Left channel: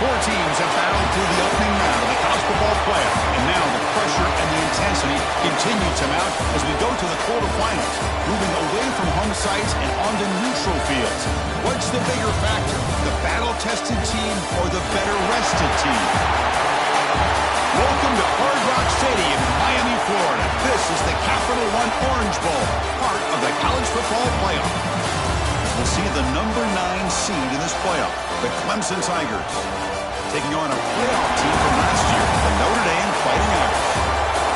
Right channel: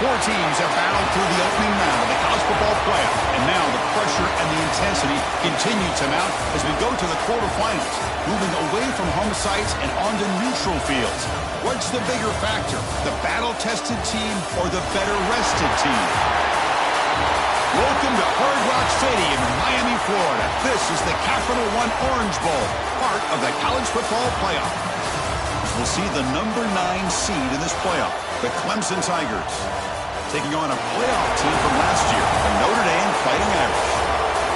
Four teams have battled through the opening round of the college football playoff, and now the pressure and the intensity continue to mount as we go to the quarterfinals, moving away from home sites and onto neutral fields. What's the bigger factor, the battle-tested team or the better-rested team? Welcome to Hard Rock Stadium in Miami, Florida. This is the Capital One Orange Bowl, part of the college football playoff. We'll see the number 9 seed in this playoff, the Clemson Tigers, taking on a playoff team from last year, the Notre Dame Fighting Irish.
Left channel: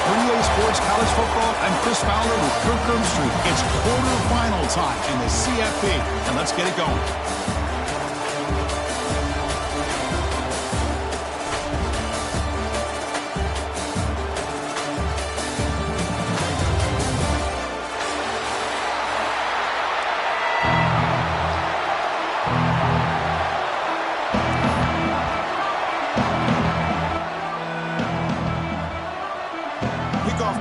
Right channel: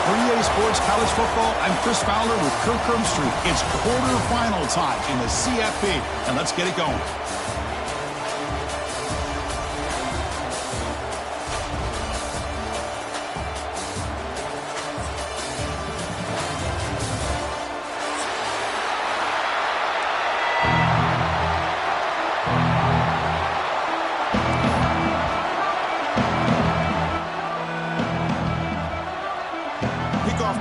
For EA Sports College Football, I'm Chris Fowler with Kirk Street. It's quarterfinal time in the CFP, and let's get it going.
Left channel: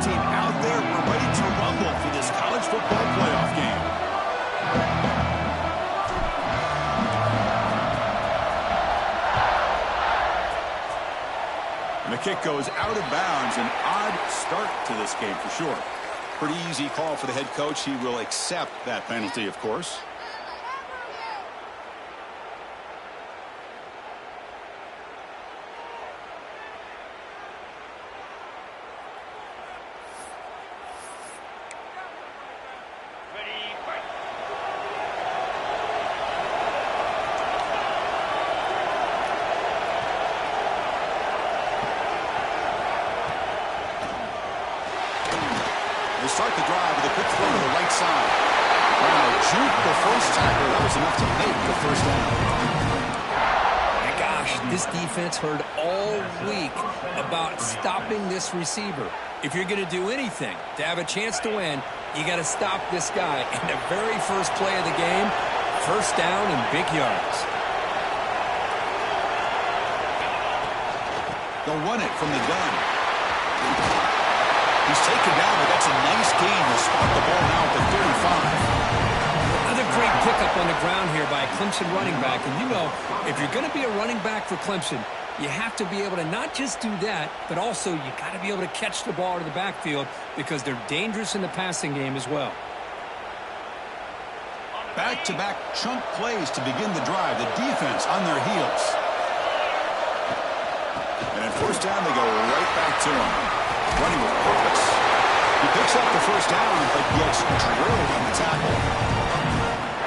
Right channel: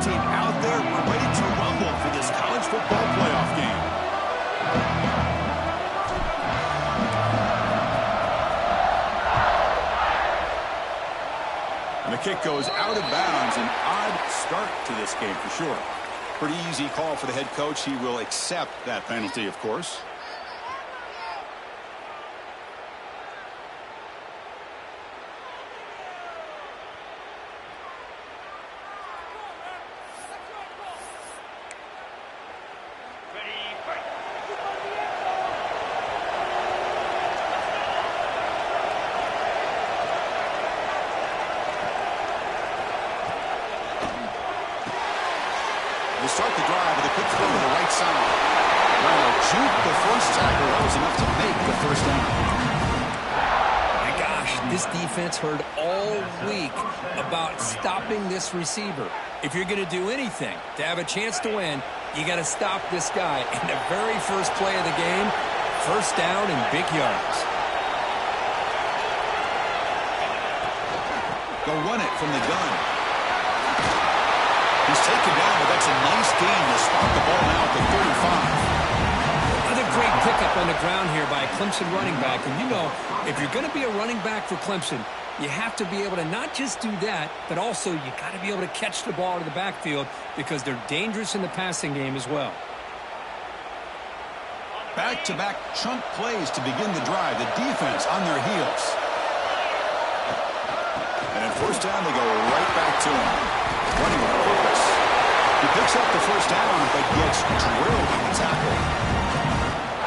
Team out there, we're ready to rumble for this college football playoff game. And the kick goes out of bounds. An odd start to this game for sure. Pretty easy call for the head coach. He will accept that penalty, of course. They start the drive with a quick throw to the right side. Wow, juke the first tackle. That was enough to make the first down. My gosh, this defense heard all week about stopping this receiver. If you're going to do anything to have a chance to win, you got to stop this guy. And the very first play of the game, first down and big yards. They'll run it from the gun. He's taken down, but that's a nice gain to spot the ball now at the 35. Another great pickup on the ground here by a Clemson running back. And you know, if you're going to be a running back for Clemson, you have to be able to not just do that, but also you got to be able to catch the ball to the backfield because they're dangerous in the passing game as well. Back-to-back chunk plays to begin the drive. The defense on their heels. And at first down, they go right back to him. Running with purpose. He picks up the first down, but gets drilled on the tackle.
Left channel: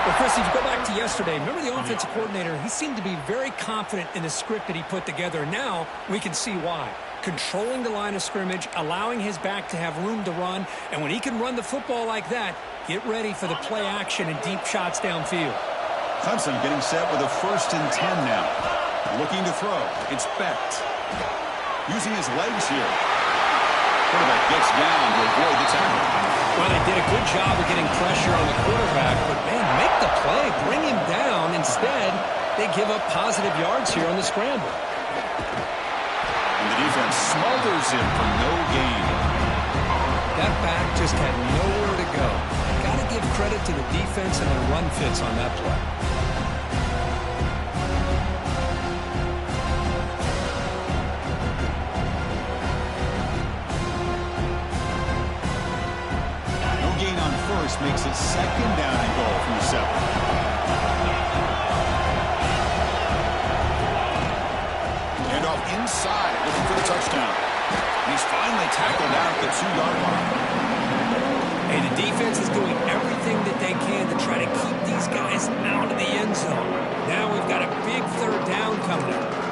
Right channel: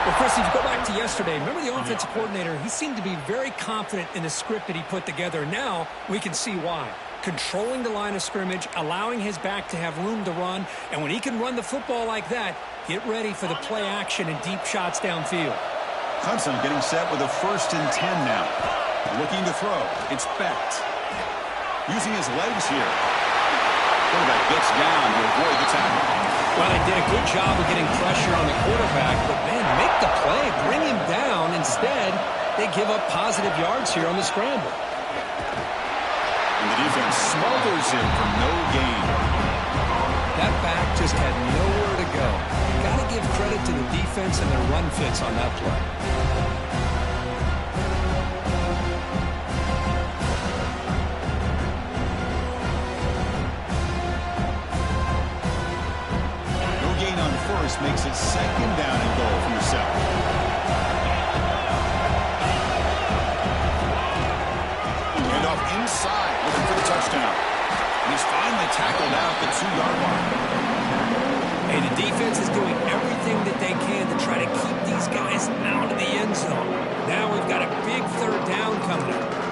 Well, Chris, if you go back to yesterday, remember the offensive coordinator, he seemed to be very confident in the script that he put together. And now we can see why. Controlling the line of scrimmage, allowing his back to have room to run. And when he can run the football like that, get ready for the play action and deep shots downfield. Clemson getting set with a 1st and 10 now. Looking to throw. It's Becht. Using his legs here. Quarterback gets down to avoid the tackle. Well, they did a good job of getting pressure on the quarterback, but, man, make the play, bring him down. Instead, they give up positive yards here on the scramble. And the defense smothers him for no gain. That back just had nowhere to go. Got to give credit to the defense and their run fits on that play. Gain on first makes it 2nd down and goal from the 7. Hand off inside, looking for the touchdown. And he's finally tackled out at the 2-yard line. Hey, the defense is doing everything that they can to try to keep these guys out of the end zone. Now we've got a big 3rd down coming up.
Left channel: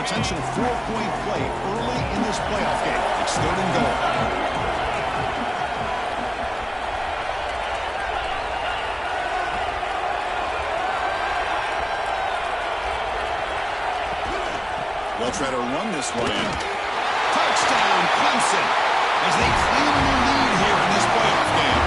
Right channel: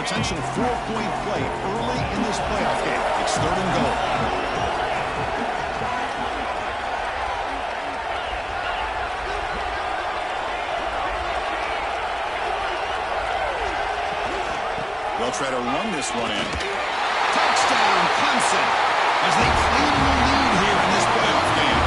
Potential 4-point play early in this playoff game. It's 3rd and goal. They'll try to run this one in. Touchdown, Clemson, as they claim the lead here in this playoff game.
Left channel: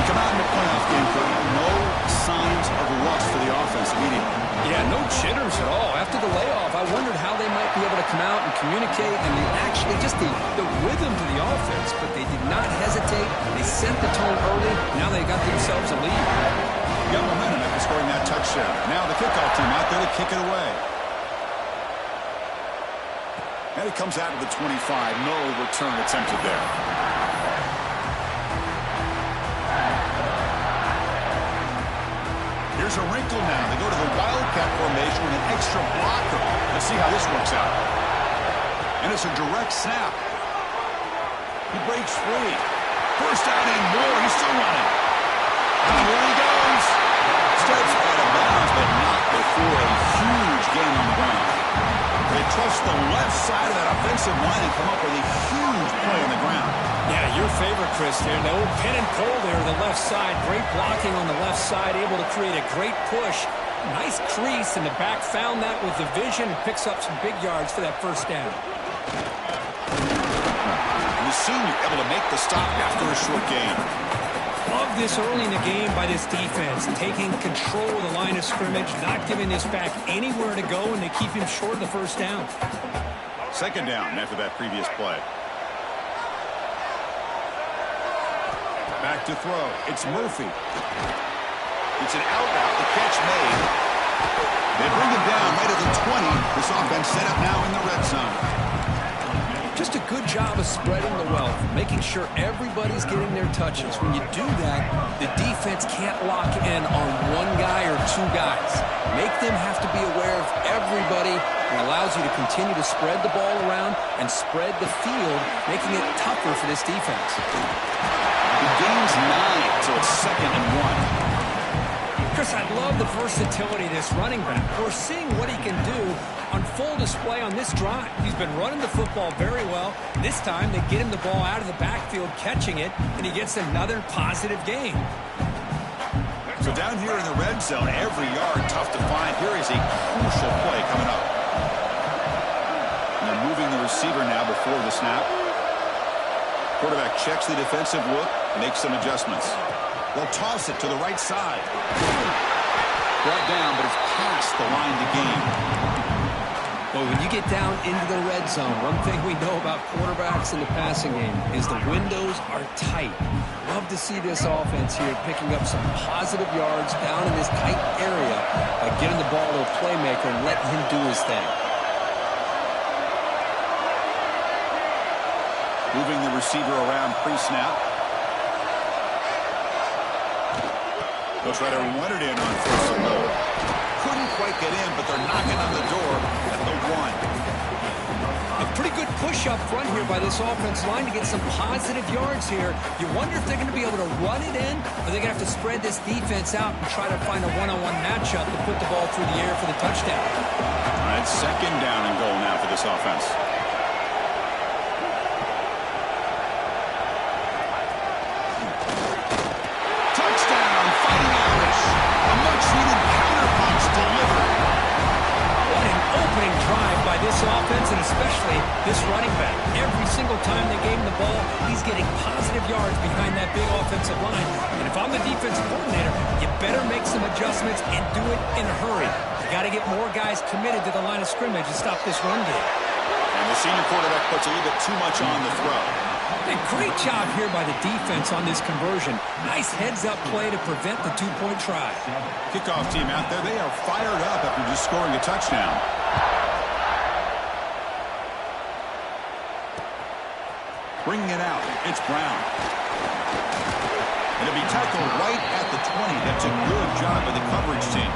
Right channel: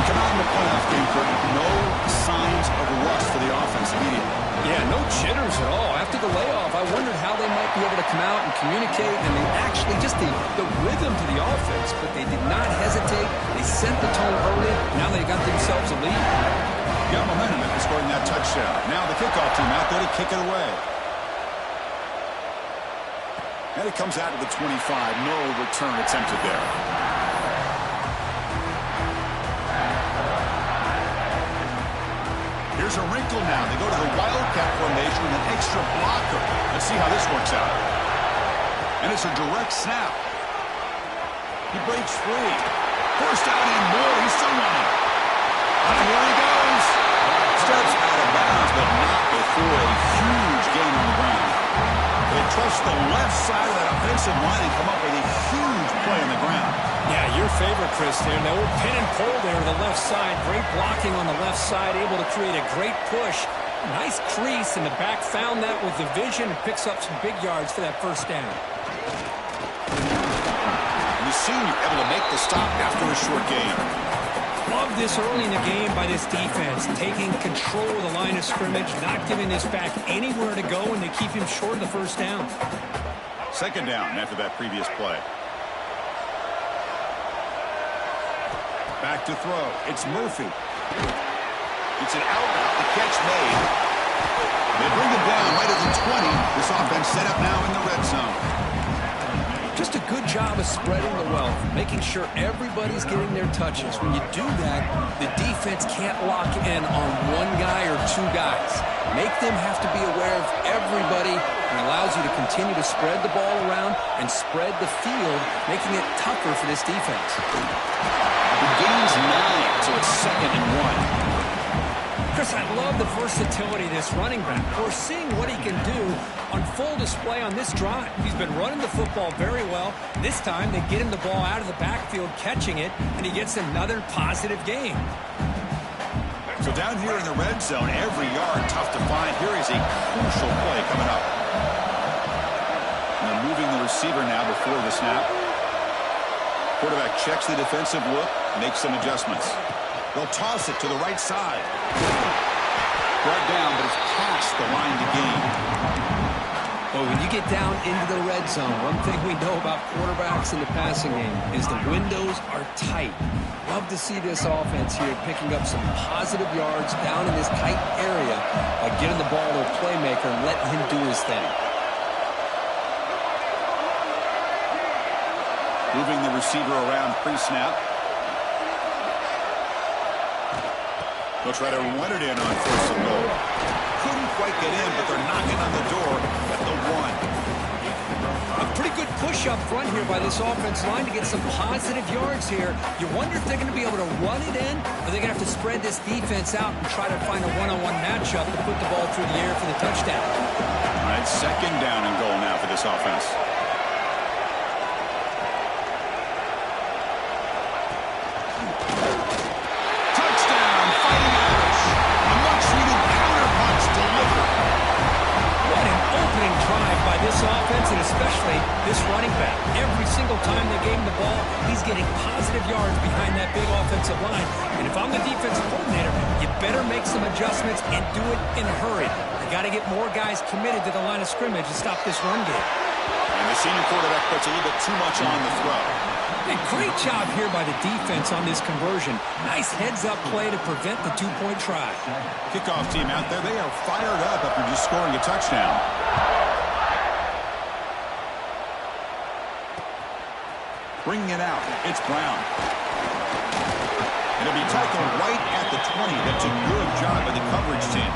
We come out in the playoff game, Kurt. No signs of rust for the offense immediately. Yeah, no jitters at all. After the layoff, I wondered how they might be able to come out and communicate, and they actually just the rhythm to the offense, but they did not hesitate. They set the tone early. Now they got themselves a lead. Got momentum after scoring that touchdown. Now the kickoff team out there to kick it away. And it comes out to the 25. No return attempted there. Here's a wrinkle now. They go to the Wildcat formation with an extra blocker. Let's see how this works out. And it's a direct snap. He breaks free. First down and more. He's still running. And here he goes. Steps out of bounds, but not before a huge gain on the ground. They trust the left side of that offensive line and come up with a huge play on the ground. Yeah, your favorite, Chris, there. The old pin and pull there to the left side. Great blocking on the left side, able to create a great push. Nice crease, and the back found that with the vision and picks up some big yards for that first down. And the senior able to make the stop after a short gain. Love this early in the game by this defense, taking control of the line of scrimmage, not giving this back anywhere to go, and they keep him short of the first down. Second down after that previous play. Back to throw. It's Murphy. It's an out route. The catch made. They bring him down right at the 20. This offense set up now in the red zone. Just a good job of spreading the wealth, making sure everybody's getting their touches. When you do that, the defense can't lock in on one guy or two guys. Make them have to be aware of everybody, and allows you to continue to spread the ball around and spread the field, making it tougher for this defense. The gain's 9, so it's 2nd and 1. Chris, I love the versatility of this running back. We're seeing what he can do on full display on this drive. He's been running the football very well. This time, they get him the ball out of the backfield, catching it, and he gets another positive gain. So down here in the red zone, every yard tough to find. Here is a crucial play coming up. And they're moving the receiver now before the snap. Quarterback checks the defensive look, makes some adjustments. They'll toss it to the right side. Brought down, but it's past the line to gain. Well, when you get down into the red zone, one thing we know about quarterbacks in the passing game is the windows are tight. Love to see this offense here picking up some positive yards down in this tight area by getting the ball to a playmaker and letting him do his thing. Moving the receiver around pre-snap. They'll try to run it in on 1st and goal. Couldn't quite get in, but they're knocking on the door at the 1. A pretty good push up front here by this offensive line to get some positive yards here. You wonder if they're going to be able to run it in, or they're going to have to spread this defense out and try to find a one-on-one matchup to put the ball through the air for the touchdown. All right, 2nd down and goal now for this offense. Fighting Irish. A much-needed counterpunch delivered. What an opening drive by this offense, and especially this running back. Every single time they gave him the ball, he's getting positive yards behind that big offensive line. And if I'm the defensive coordinator, you better make some adjustments and do it in a hurry. You got to get more guys committed to the line of scrimmage to stop this run game. And the senior quarterback puts a little bit too much on the throw. A great job here by the defense on this conversion. Nice heads-up play to prevent the two-point try. Kickoff team out there, they are fired up after just scoring a touchdown. Bringing it out, it's Brown. It'll be tackled right at the 20. That's a good job by the coverage team.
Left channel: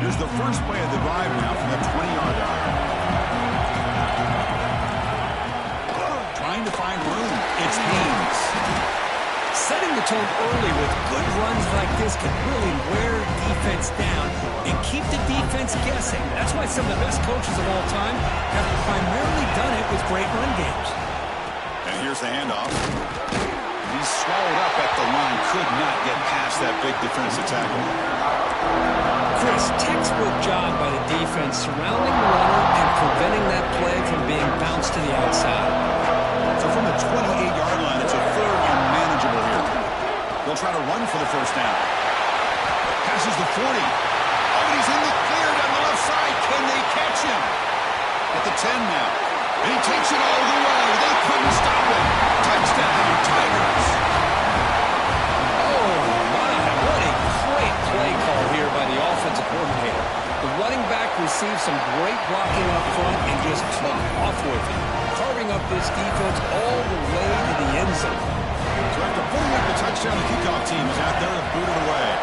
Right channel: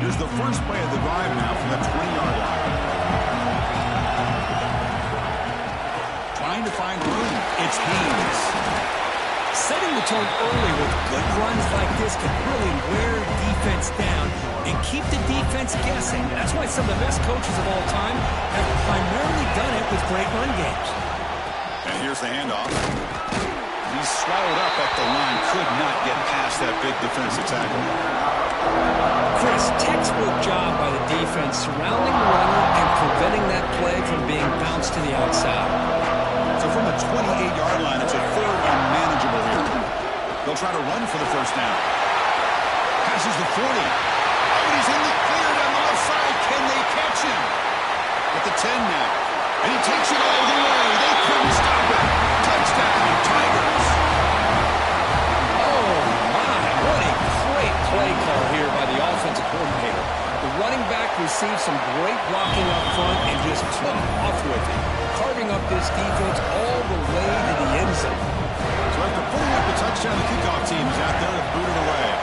Here's the first play of the drive now from the 20-yard line. Trying to find room. It's Haynes. Setting the tone early with good runs like this can really wear defense down and keep the defense guessing. That's why some of the best coaches of all time have primarily done it with great run games. And here's the handoff. He's swallowed up at the line. Could not get past that big defensive tackle. Chris, textbook job by the defense surrounding the runner and preventing that play from being bounced to the outside. So from the 28-yard line, it's a third and manageable here. They'll try to run for the first down. Passes the 40. Oh, and he's in the clear down the left side. Can they catch him? At the 10 now. And he takes it all the way. They couldn't stop him. Touchdown, Tigers. Oh, my. What a great play call here by the offensive coordinator. The running back received some great blocking up front and just took off with it, carving up this defense all the way to the end zone. So after putting up the touchdown, the kickoff team is out there to boot it away.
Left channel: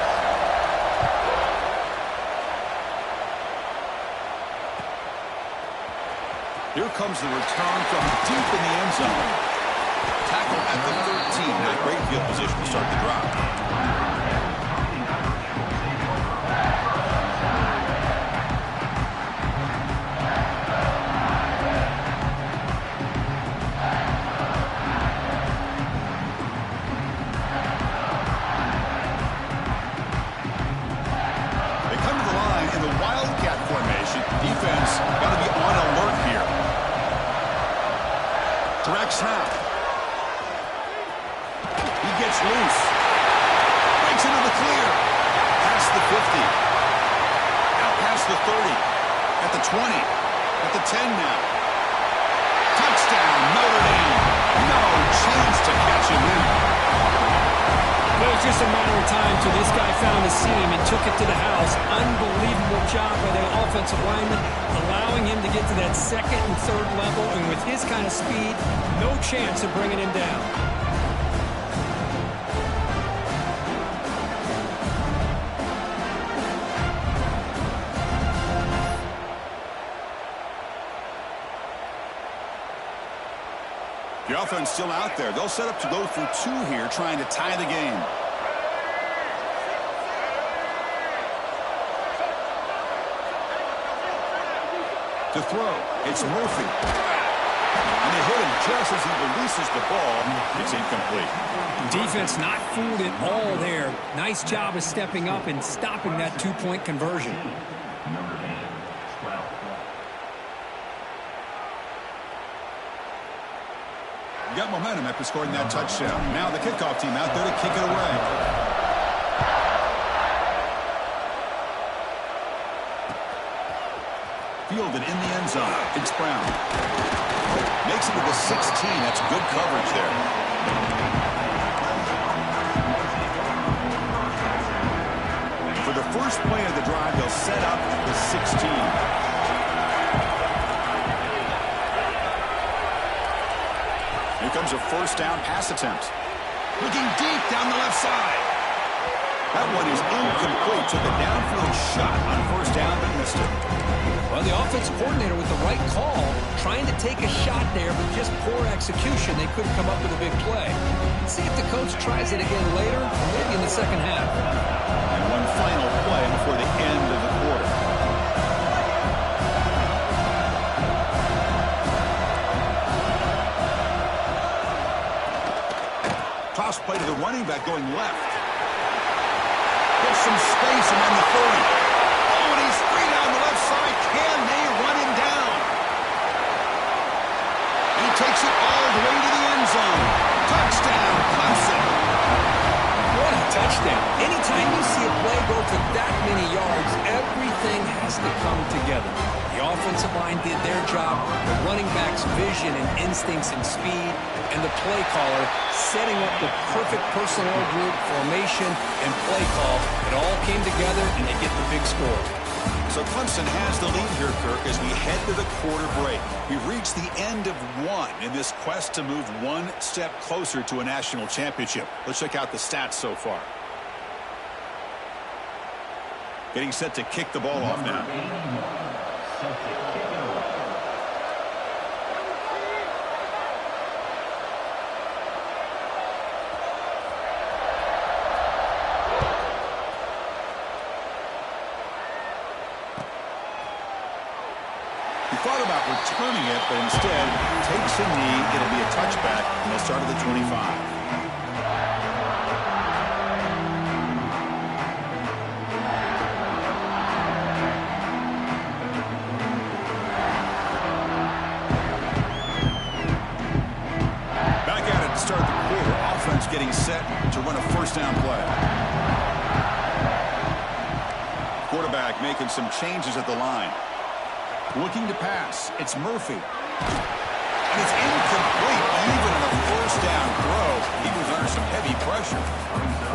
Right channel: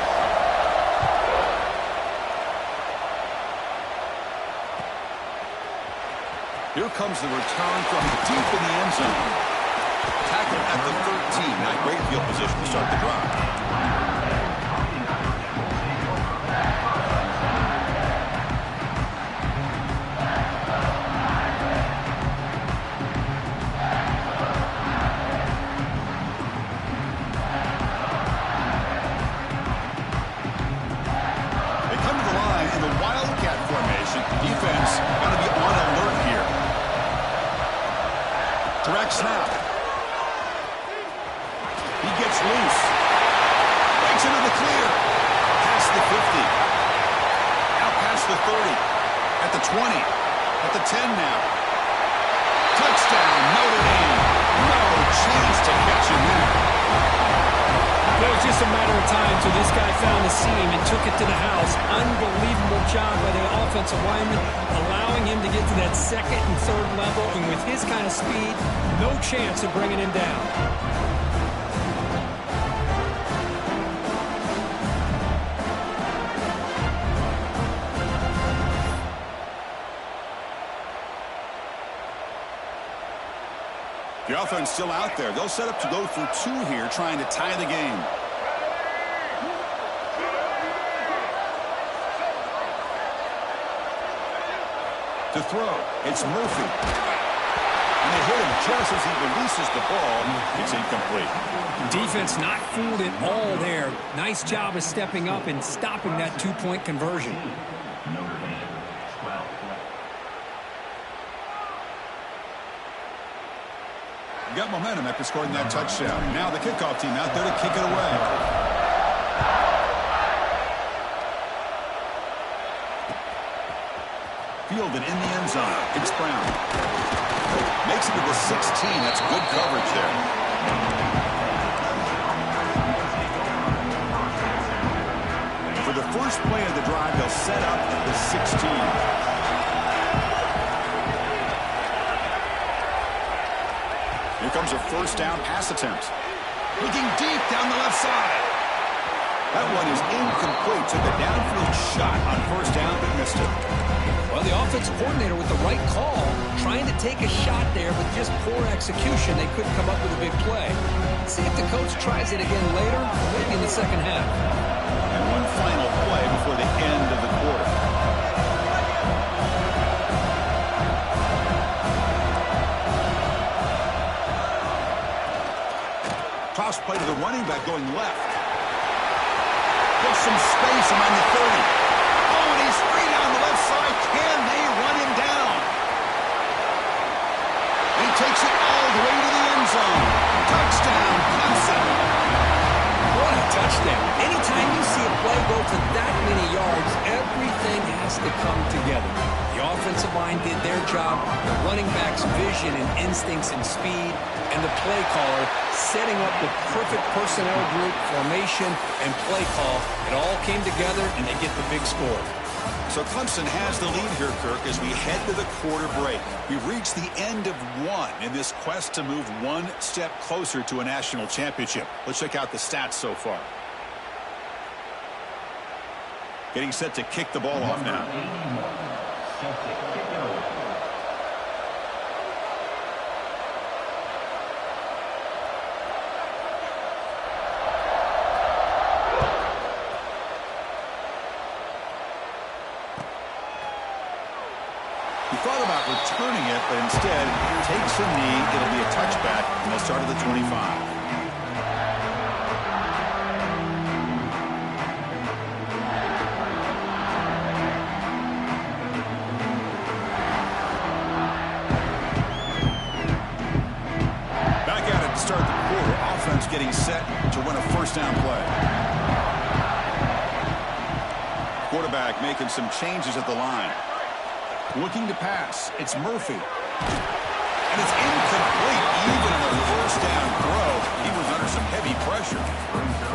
Here comes the return from deep in the end zone. Tackle at the 13. Not great field position to start the drive. They come to the line in the Wildcat formation. Defense got to be on alert here. Direct snap. He gets loose. Breaks into the clear. Past the 50. Out past the 30. At the 20. At the 10 now. Touchdown, Notre Dame. No chance to catch him there. It was just a matter of time till this guy found a seam and took it to the house. Unbelievable job by the offensive lineman, allowing him to get to that second and third level. And with his kind of speed, no chance of bringing him down. The offense still out there. They'll set up to go for two here, trying to tie the game. To throw, it's Murphy. And they hit him just as he releases the ball. It's incomplete. Defense not fooled at all there. Nice job of stepping up and stopping that two-point conversion. Got momentum after scoring that touchdown. Now the kickoff team out there to kick it away. Fielded in the end zone. It's Brown. Makes it to the 16. That's good coverage there. For the first play of the drive, they'll set up at the 16. Here comes a first down pass attempt. Looking deep down the left side. That one is incomplete. Took a downfield shot on first down, but missed it. Well, the offensive coordinator with the right call, trying to take a shot there, but just poor execution. They couldn't come up with a big play. Let's see if the coach tries it again later, or maybe in the second half. And one final play before the end of the quarter. Toss play to the running back going left. Gets some space around the 30. Oh, and he's free down the left side. Can they run him down? And he takes it all the way to the end zone. Touchdown, Clemson. What a touchdown. Anytime you see a play go for that many yards, everything has to come together. The offensive line did their job, the running back's vision and instincts and speed, and the play caller setting up the perfect personnel group, formation, and play call. It all came together, and they get the big score. So Clemson has the lead here, Kirk, as we head to the quarter break. We've reached the end of one in this quest to move one step closer to a national championship. Let's check out the stats so far. Getting set to kick the ball off now. Set to kick it away. He thought about returning it, but instead takes a knee. It'll be a touchback, and they'll start at the 25. Back at it to start the quarter. Offense getting set to run a first down play. Quarterback making some changes at the line. Looking to pass. It's Murphy. And it's incomplete. Even on a first down throw, he was under some heavy pressure.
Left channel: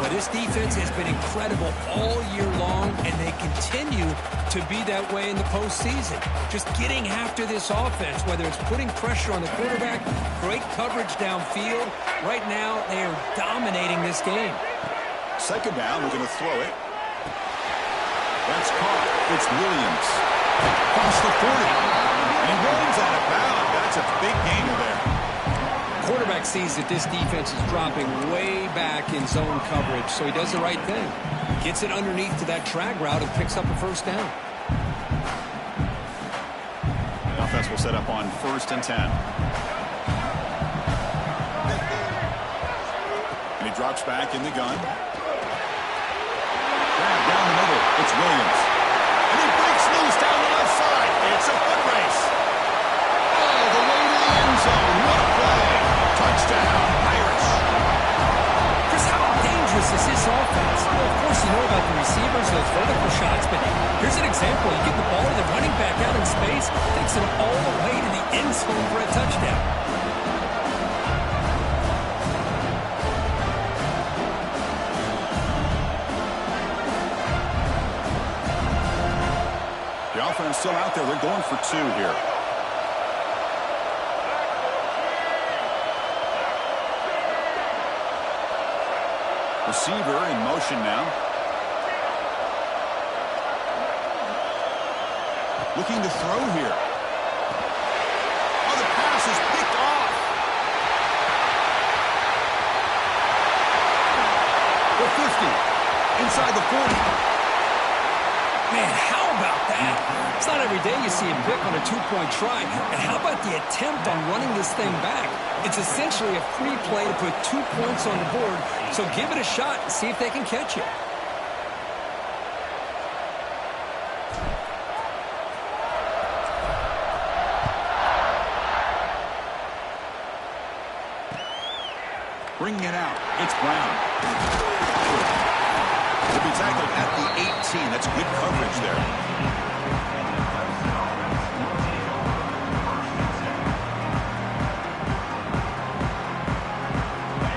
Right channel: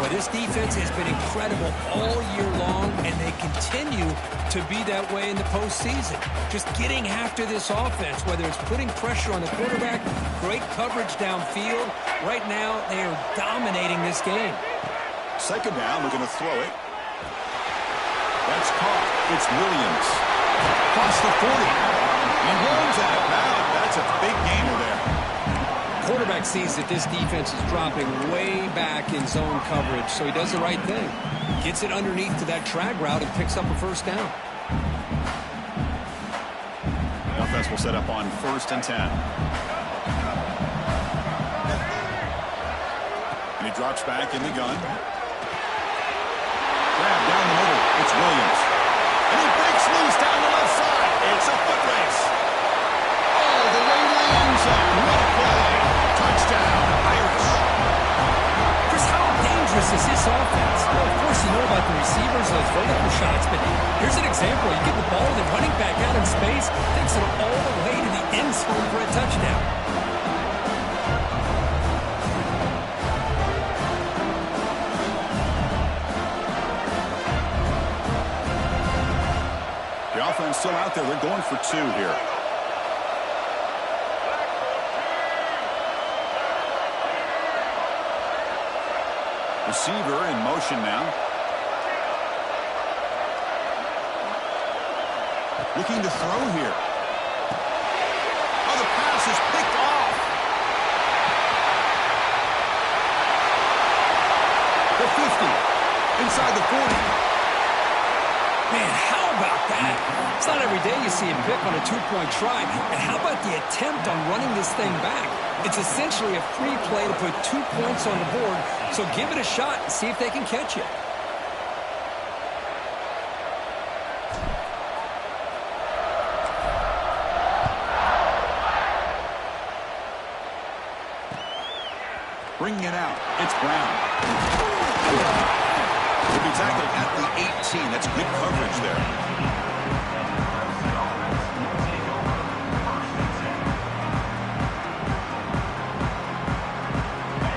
Boy, this defense has been incredible all year long, and they continue to be that way in the postseason. Just getting after this offense, whether it's putting pressure on the quarterback, great coverage downfield. Right now, they are dominating this game. Second down, we're going to throw it. That's caught. It's Williams. Across the 40. He runs out of bounds. That's a big gainer there. Quarterback sees that this defense is dropping way back in zone coverage, so he does the right thing. Gets it underneath to that drag route and picks up a first down. The offense will set up on 1st and 10. And he drops back in the gun. Grab down the middle. It's Williams. And he breaks loose down the left side. It's a foot race. All the way to the end zone. What a play. Touchdown, Irish. Chris, how dangerous is this offense? Well, of course, you know about the receivers, those vertical shots, but here's an example. You get the ball, the running back out in space, takes it all the way to the end zone for a touchdown. The offense still out there. They're going for 2 here. Receiver in motion now. Looking to throw here. Oh, the pass is picked off. The 50. Inside the 40. Man, how about that? It's not every day you see a pick on a 2-point try. And how about the attempt on running this thing back? It's essentially a free play to put 2 points on the board. So give it a shot and see if they can catch it. Bringing it out. It's Brown. He'll be tackled at the 18. That's good coverage there.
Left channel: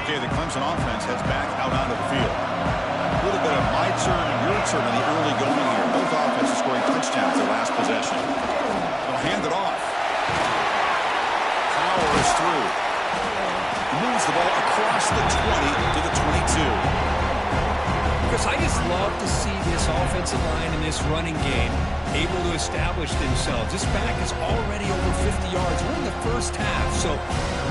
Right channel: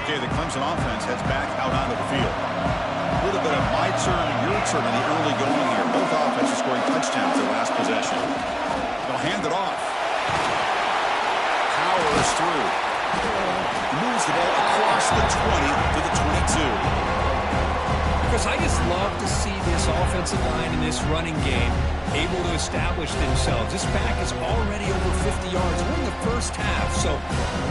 Okay, the Clemson offense heads back out onto the field. A little bit of my turn and your turn in the early going here. Both offenses scoring touchdowns their last possession. They'll hand it off. Powers through. Moves the ball across the 20 to the 22. Chris, I just love to see this offensive line in this running game able to establish themselves. This back is already over 50 yards. We're in the first half, so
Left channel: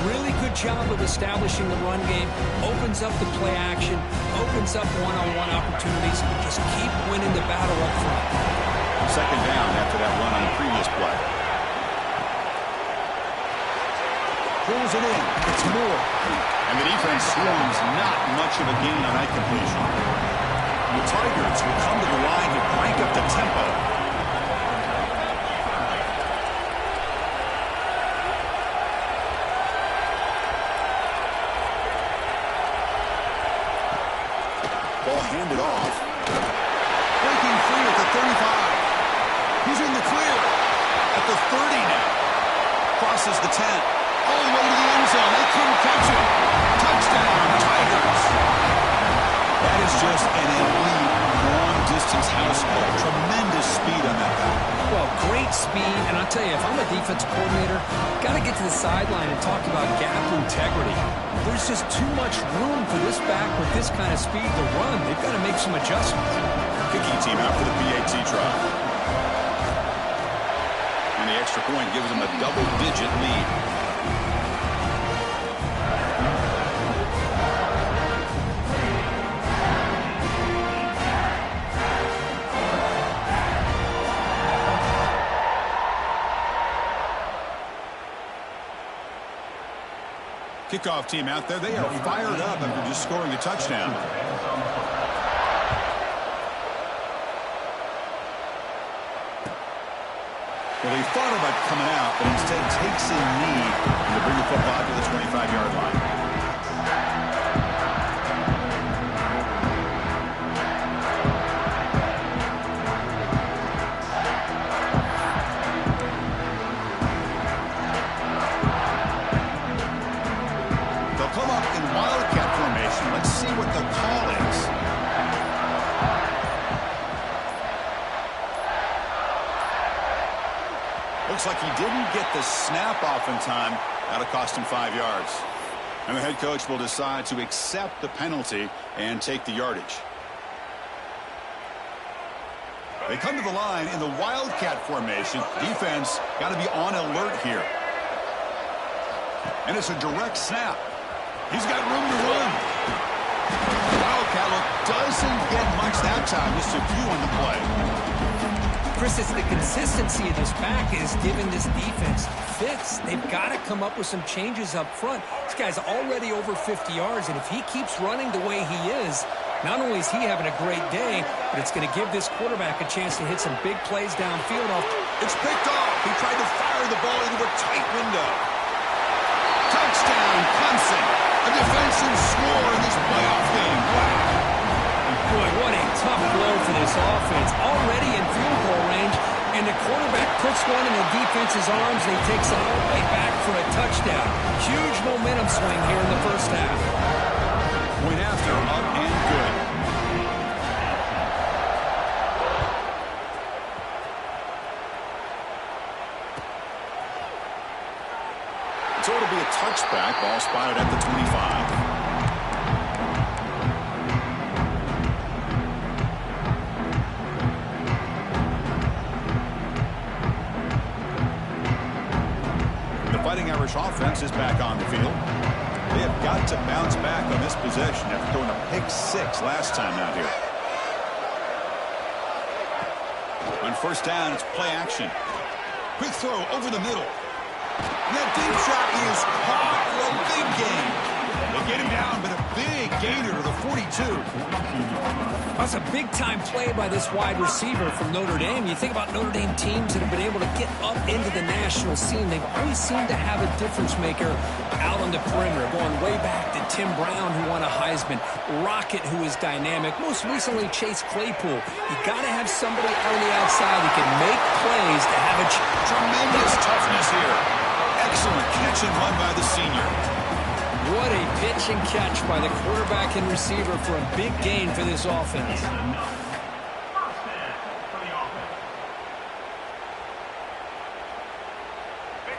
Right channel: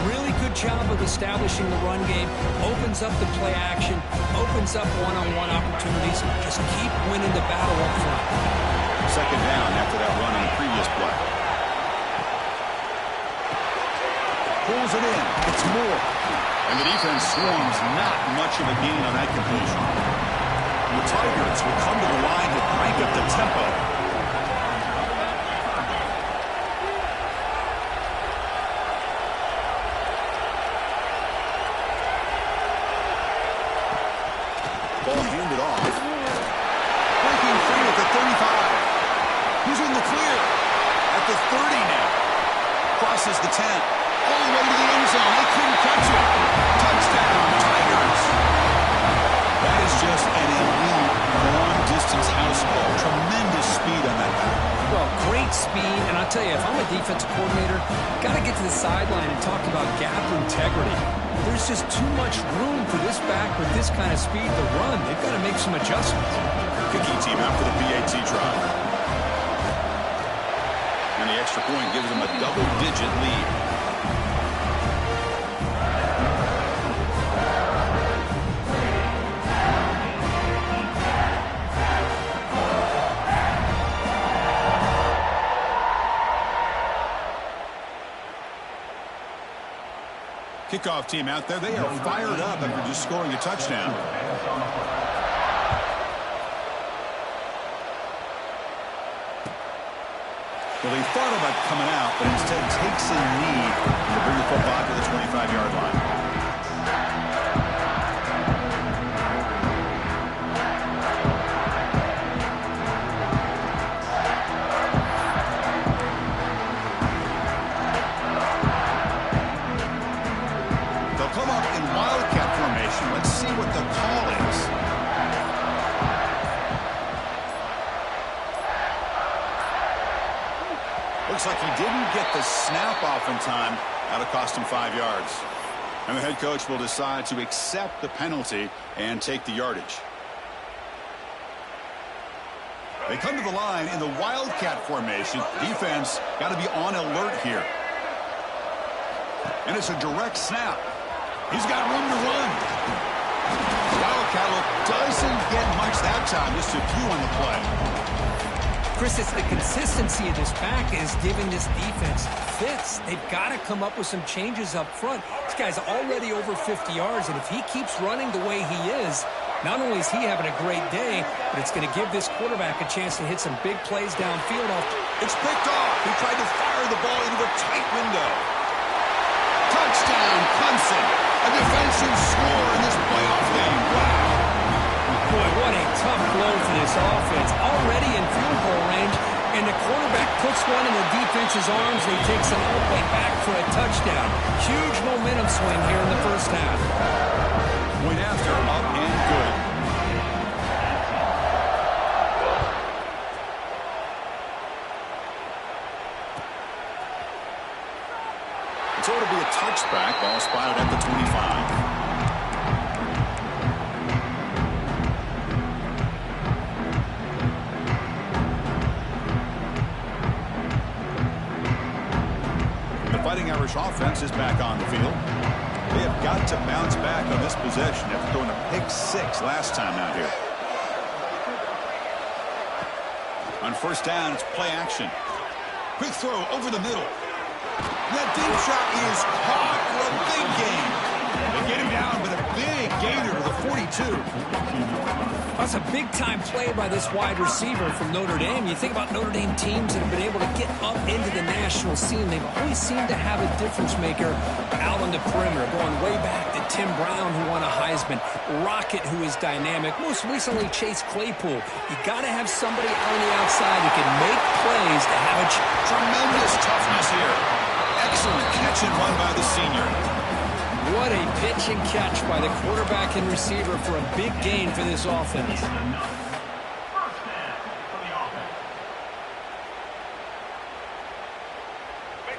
really good job of establishing the run game. Opens up the play action, opens up one-on-one opportunities. Just keep winning the battle up front. Second down after that run on the previous play. Pulls it in. It's Moore. And the defense swarms not much of a gain on that completion. The Tigers will come to the line to crank up the tempo. Ball handed off. Breaking free at the 35. He's in the clear. At the 30 now. Crosses the 10. All the way to the end zone. They couldn't catch him. Touchdown, Tigers. That is just an elite long-distance house ball. Tremendous speed on that back. Well, great speed, and I'll tell you, if I'm a defensive coordinator, got to get to the sideline and talk about gap integrity. There's just too much room for this back with this kind of speed to run. They've got to make some adjustments. Kicking team out for the PAT try. And the extra point gives them a double-digit lead. Kickoff team out there, they are fired up after just scoring a touchdown. Well, he thought about coming out, but instead takes a knee to bring the football to the 25-yard line. They'll come up in wildcat formation. Let's see what the call is. Looks like he didn't get the snap off in time. That'll cost him 5 yards. And the head coach will decide to accept the penalty and take the yardage. They come to the line in the wildcat formation. Defense got to be on alert here. And it's a direct snap. He's got room to run. Wildcat look doesn't get much that time. Just a few on the play. Chris, it's the consistency of this back is giving this defense fits. They've got to come up with some changes up front. This guy's already over 50 yards, and if he keeps running the way he is, not only is he having a great day, but it's going to give this quarterback a chance to hit some big plays downfield. It's picked off. He tried to fire the ball into a tight window. Touchdown, Clemson. A defensive score in this playoff game. Wow. Boy, what a tough blow for this offense. Already in field goal range, and the quarterback puts one in the defense's arms, and he takes it all the way back for a touchdown. Huge momentum swing here in the first half. Point after, up and good. So it'll be a touchback. Ball spotted at the 25. Fighting Irish offense is back on the field. They have got to bounce back on this possession after throwing a pick 6 last time out here. On first down, it's play action. Quick throw over the middle. And that deep shot is caught for a big gain. They get him down, but a big gainer to the 42. That's a big-time play by this wide receiver from Notre Dame. You think about Notre Dame teams that have been able to get up into the national scene. They've always seemed to have a difference maker out on the perimeter, going way back to Tim Brown, who won a Heisman, Rocket, who is dynamic, most recently Chase Claypool. You got to have somebody out on the outside who can make plays to have a tremendous toughness here. Excellent catch and run by the senior. What a pitch and catch by the quarterback and receiver for a big gain for this offense.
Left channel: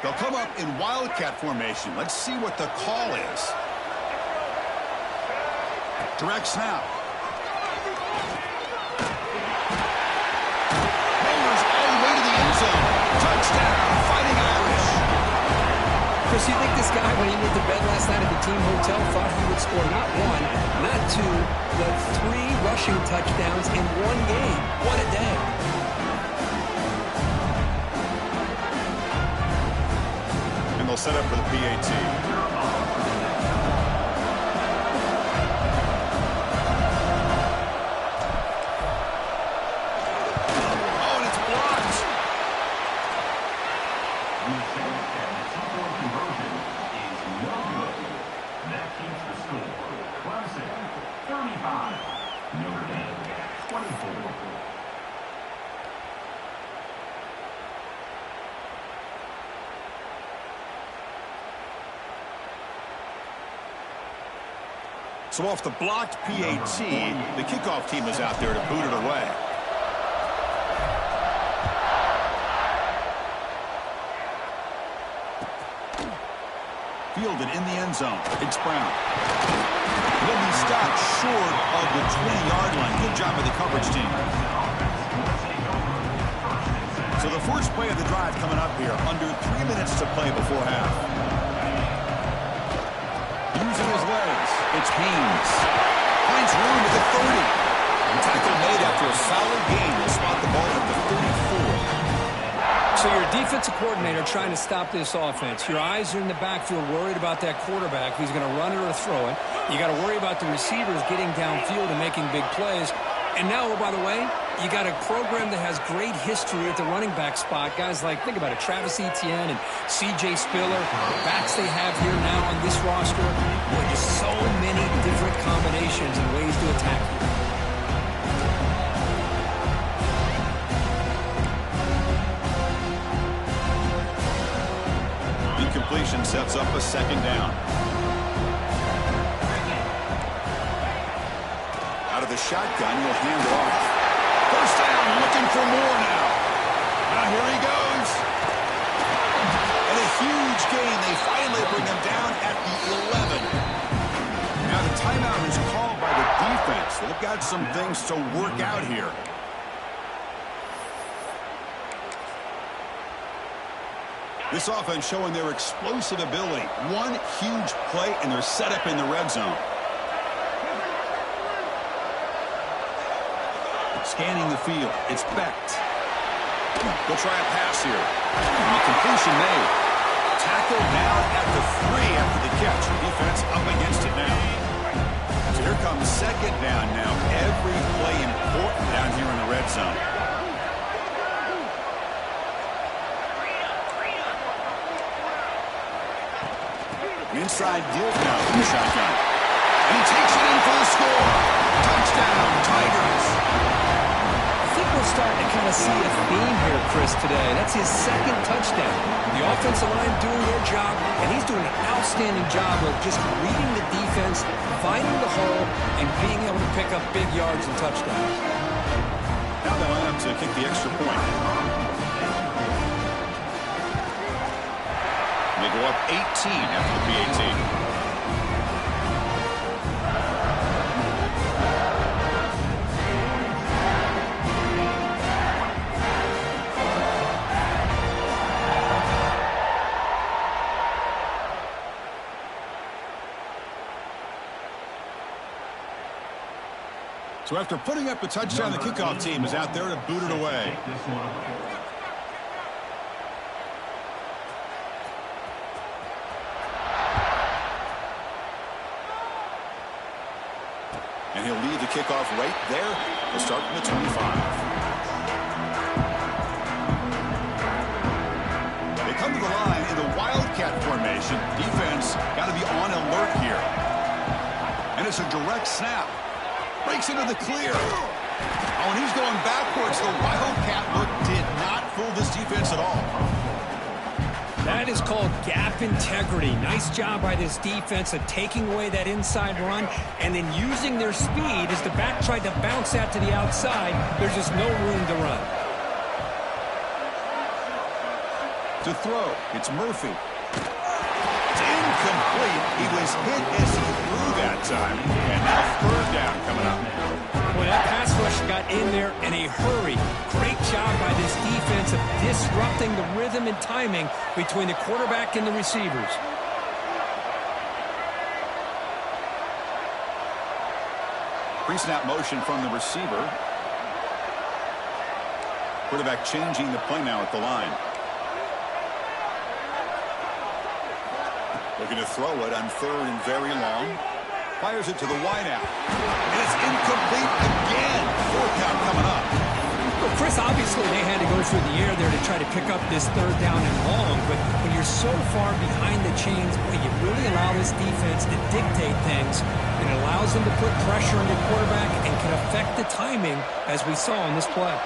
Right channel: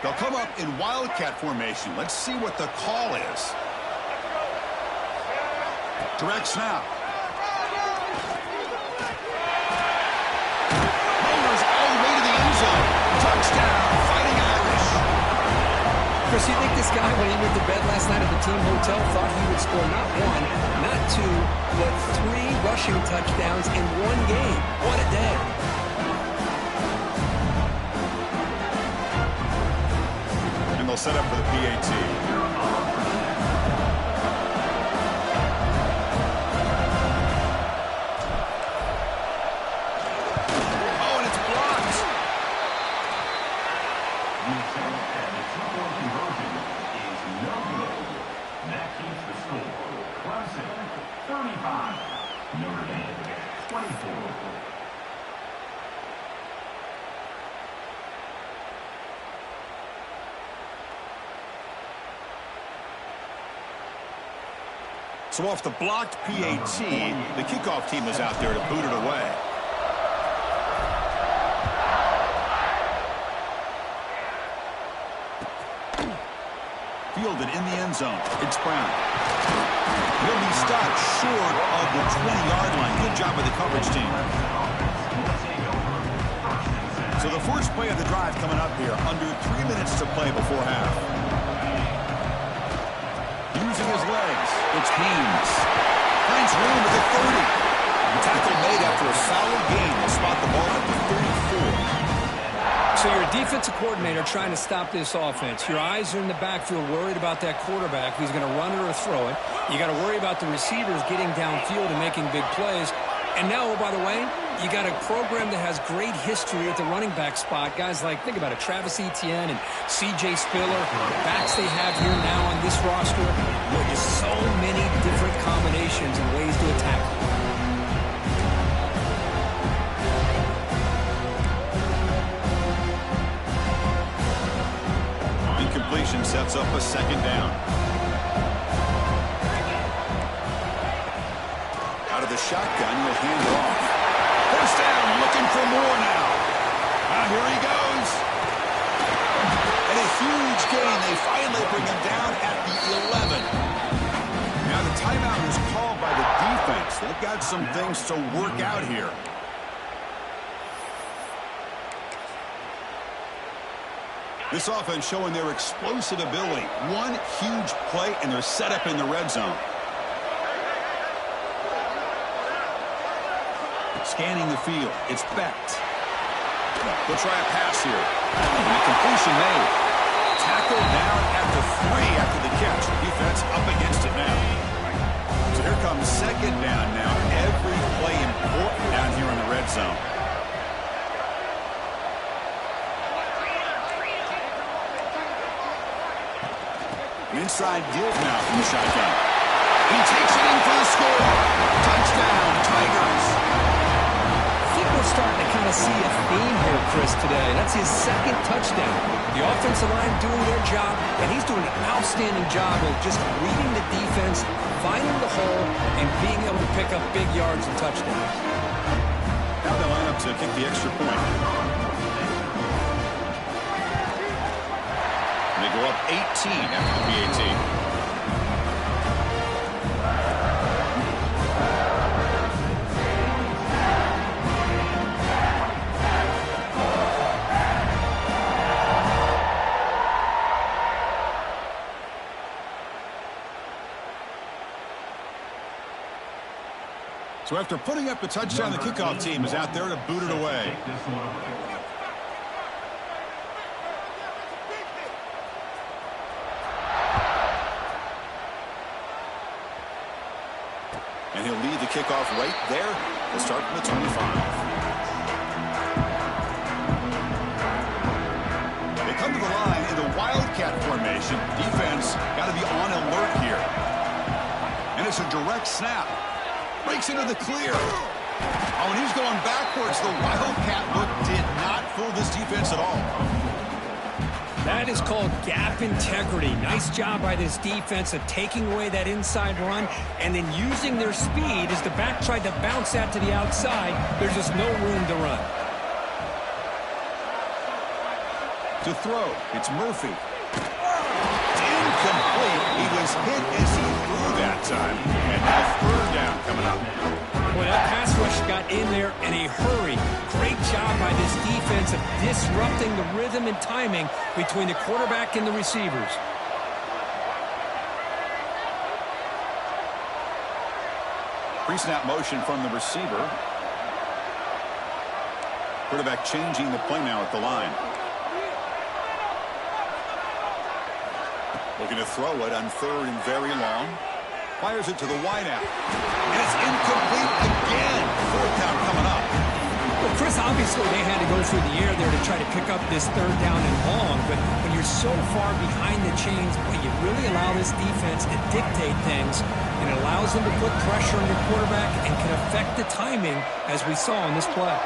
They'll come up in wildcat formation. Let's see what the call is. Direct snap. Rollers all the way to the end zone. Touchdown, Fighting Irish. Chris, you think this guy, when he went to bed last night at the team hotel, thought he would score not 1, not 2, but 3 rushing touchdowns in one game? What a day. And they'll set up for the PAT. Clemson, 35. Notre Dame, 24. So off the blocked PAT, the kickoff team is out there to boot it away. Fielded in the end zone. It's Brown. He'll be stopped short of the 20-yard line. Good job by the coverage team. So the first play of the drive coming up here. Under 3 minutes to play before half. Using his legs, it's Haynes. Finds room at the 30. The tackle made after a solid gain. Will spot the ball at the 34. So you're a defensive coordinator trying to stop this offense. Your eyes are in the backfield worried about that quarterback, if he's going to run it or throw it. You got to worry about the receivers getting downfield and making big plays. And now, oh, by the way, you got a program that has great history at the running back spot. Guys like, think about it, Travis Etienne and C.J. Spiller, the backs they have here now on this roster. Boy, just so many different combinations and ways to attack you. Incompletion sets up a second down. Out of the shotgun, he'll hand it off. First down, looking for more now. Now here he goes. And a huge gain. They finally bring him down at the 11. Now the timeout is called by the defense. They've got some things to work out here. This offense showing their explosive ability. One huge play, and they're set up in the red zone. Scanning the field. It's Becht. They'll try a pass here. And a completion made. Tackled down at the 3 after the catch. Defense up against it now. So here comes second down now. Every play important down here in the red zone. Inside give now from the shotgun. And he takes it in for the score. Touchdown, Tigers. I think we're starting to kind of see a theme here, Chris, today. That's his second touchdown. The offensive line doing their job, and he's doing an outstanding job of just reading the defense, finding the hole, and being able to pick up big yards and touchdowns. Now they line up to kick the extra point. They go up 18 after the PAT. So after putting up the touchdown, the kickoff team is out there to boot it away. And he'll lead the kickoff right there. He'll start from the 25. They come to the line in the Wildcat formation. Defense got to be on alert here. And it's a direct snap. Breaks into the clear. Oh, and he's going backwards. The Wildcat look did not fool this defense at all. That is called gap integrity. Nice job by this defense of taking away that inside run and then using their speed as the back tried to bounce that to the outside. There's just no room to run. To throw, it's Murphy. It's incomplete. He was hit as he threw that time. And now third down coming up. Well, that pass rush got in there in a hurry. Great job by this defense of disrupting the rhythm and timing between the quarterback and the receivers. Pre-snap motion from the receiver. Quarterback changing the play now at the line. Looking to throw it on third and very long. Fires it to the wideout. And it's incomplete again. Fourth down coming up. Well, Chris, obviously they had to go through the air there to try to pick up this third down and long. But when you're so far behind the chains, boy, you really allow this defense to dictate things. And it allows them to put pressure on your quarterback and can affect the timing, as we saw in this play.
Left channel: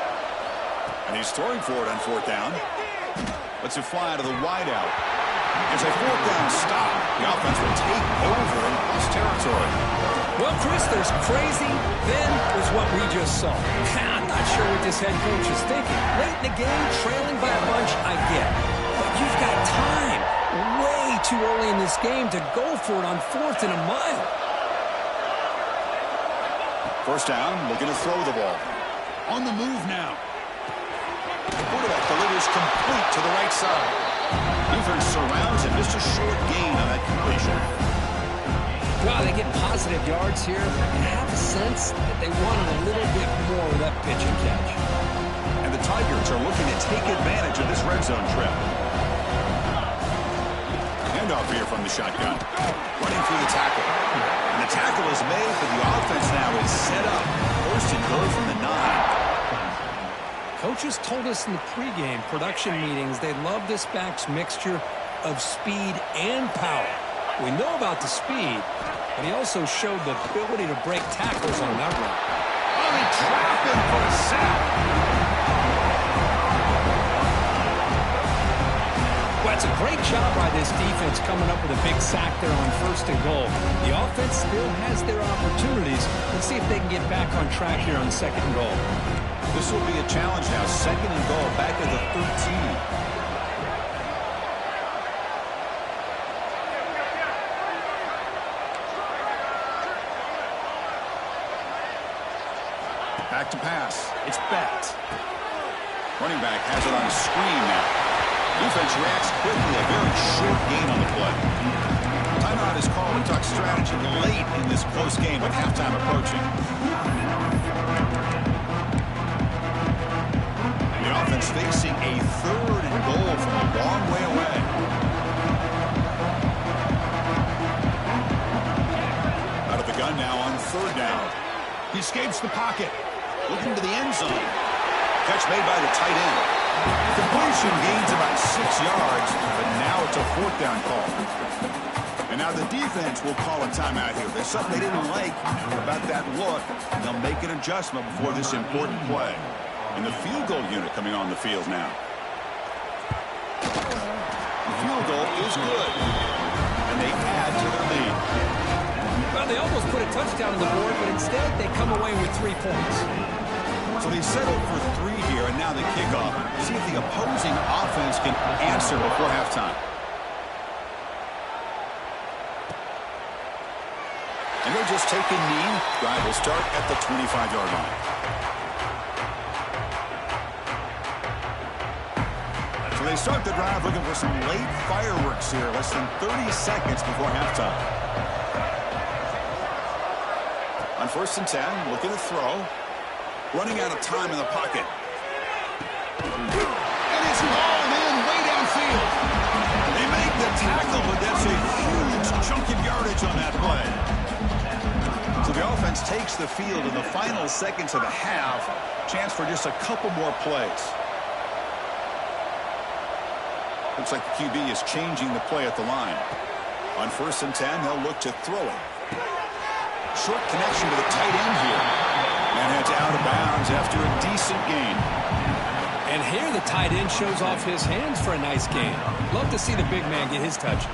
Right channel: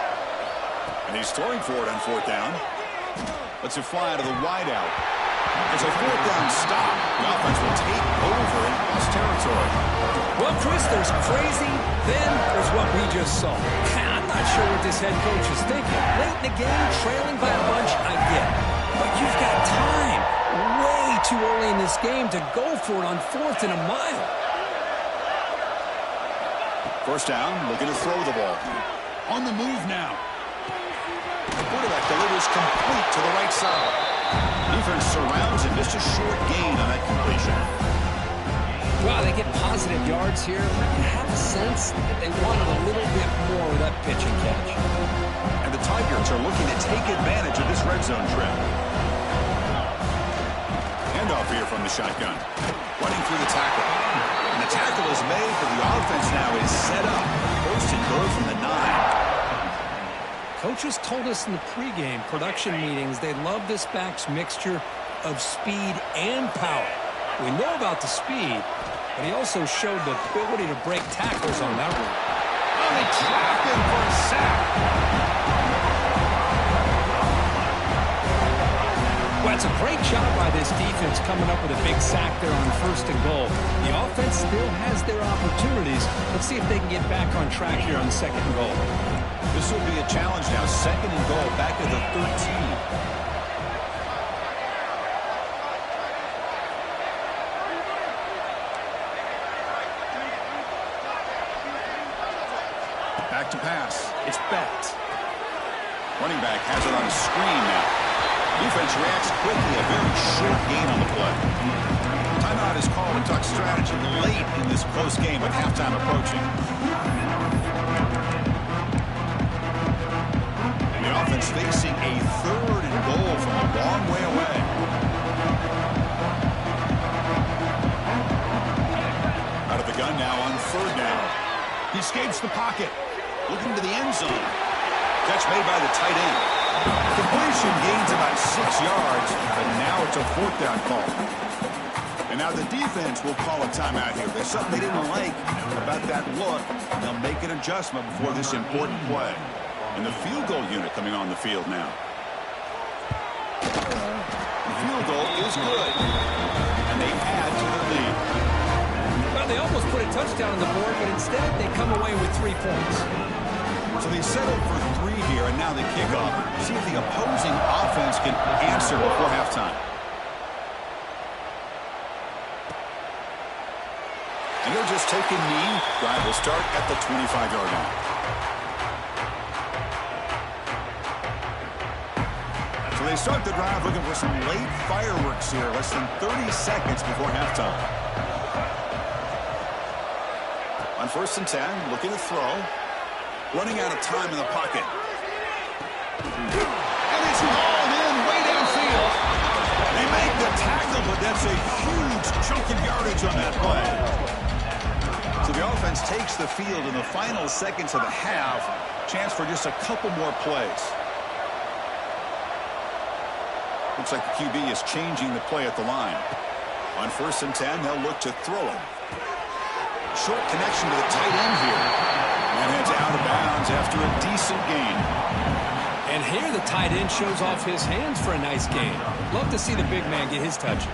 And he's throwing for it on fourth down. Lets it fly out of the wideout. It's a fourth down stop. The offense will take over in plus territory. Well, Chris, there's crazy, then there's what we just saw. I'm not sure what this head coach is thinking. Late in the game, trailing by a bunch, I get. But you've got time, way too early in this game, to go for it on fourth and a mile. First down, looking to throw the ball. On the move now. The quarterback delivers complete to the right side. Defense surrounds him. Just a short gain on that completion. Well, they get positive yards here, but I have a sense that they wanted a little bit more with that pitch and catch. And the Tigers are looking to take advantage of this red zone trip. Handoff here from the shotgun. Running through the tackle. And the tackle is made, but the offense now is set up. First and goal from the 9. Coaches told us in the pregame production meetings they love this back's mixture of speed and power. We know about the speed, but he also showed the ability to break tackles on that run. Oh, they trap him for a sack. Well, it's a great job by this defense coming up with a big sack there on first and goal. The offense still has their opportunities. Let's see if they can get back on track here on second and goal. This will be a challenge now. Second and goal back at the 13. Back to pass. It's Bett. Running back has it on a screen now. Defense reacts quickly. A very short gain on the play. Timeout is called to talk strategy late in this close game with halftime approaching. The offense facing a third and goal from a long way away. Out of the gun now on third down. He escapes the pocket. Looking to the end zone. Catch made by the tight end. Completion gains about 6 yards, but now it's a fourth down call. And now the defense will call a timeout here. There's something they didn't like about that look. They'll make an adjustment before this important play. And the field goal unit coming on the field now. The field goal is good. And they add to their lead. Well, they almost put a touchdown on the board, but instead they come away with 3 points. So they settled for 3 here, and now the kickoff. See if the opposing offense can answer before halftime. And he'll just take a knee. Drive will start at the 25-yard line. So they start the drive looking for some late fireworks here. Less than 30 seconds before halftime. On first and 10, looking to throw. Running out of time in the pocket. And it's hauled in way downfield. They make the tackle, but that's a huge chunk of yardage on that play. So the offense takes the field in the final seconds of the half. Chance for just a couple more plays. Looks like the QB is changing the play at the line. On first and 10, they'll look to throw it. Short connection to the tight end here. And heads out of bounds after a decent gain. And here the tight end shows off his hands for a nice gain. Love to see the big man get his touches.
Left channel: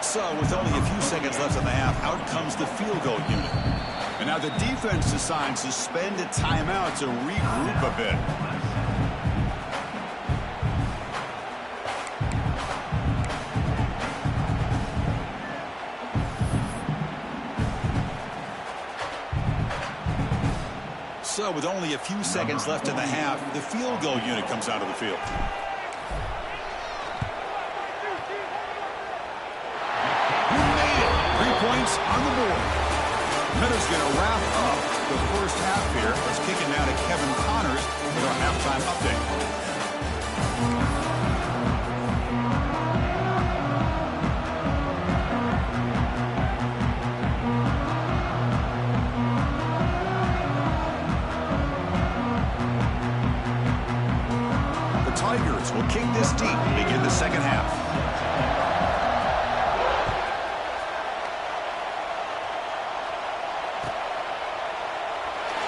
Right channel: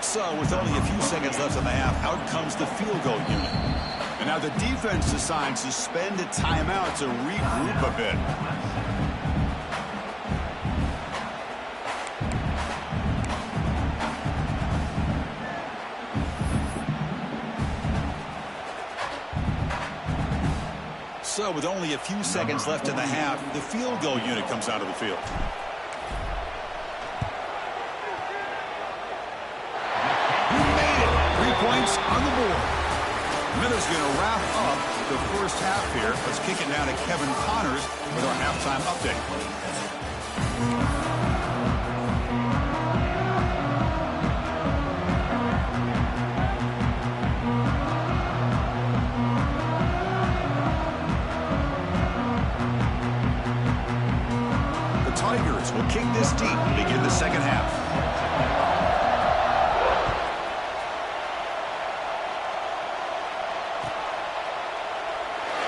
So with only a few seconds left in the half, out comes the field goal unit. And now the defense decides to spend a timeout to regroup a bit. So with only a few seconds left in the half, the field goal unit comes out of the field. You made it. 3 points on the board. Miller's going to wrap up the first half here. Let's kick it now to Kevin Connors with our halftime update. Tigers will kick this deep to begin the second half.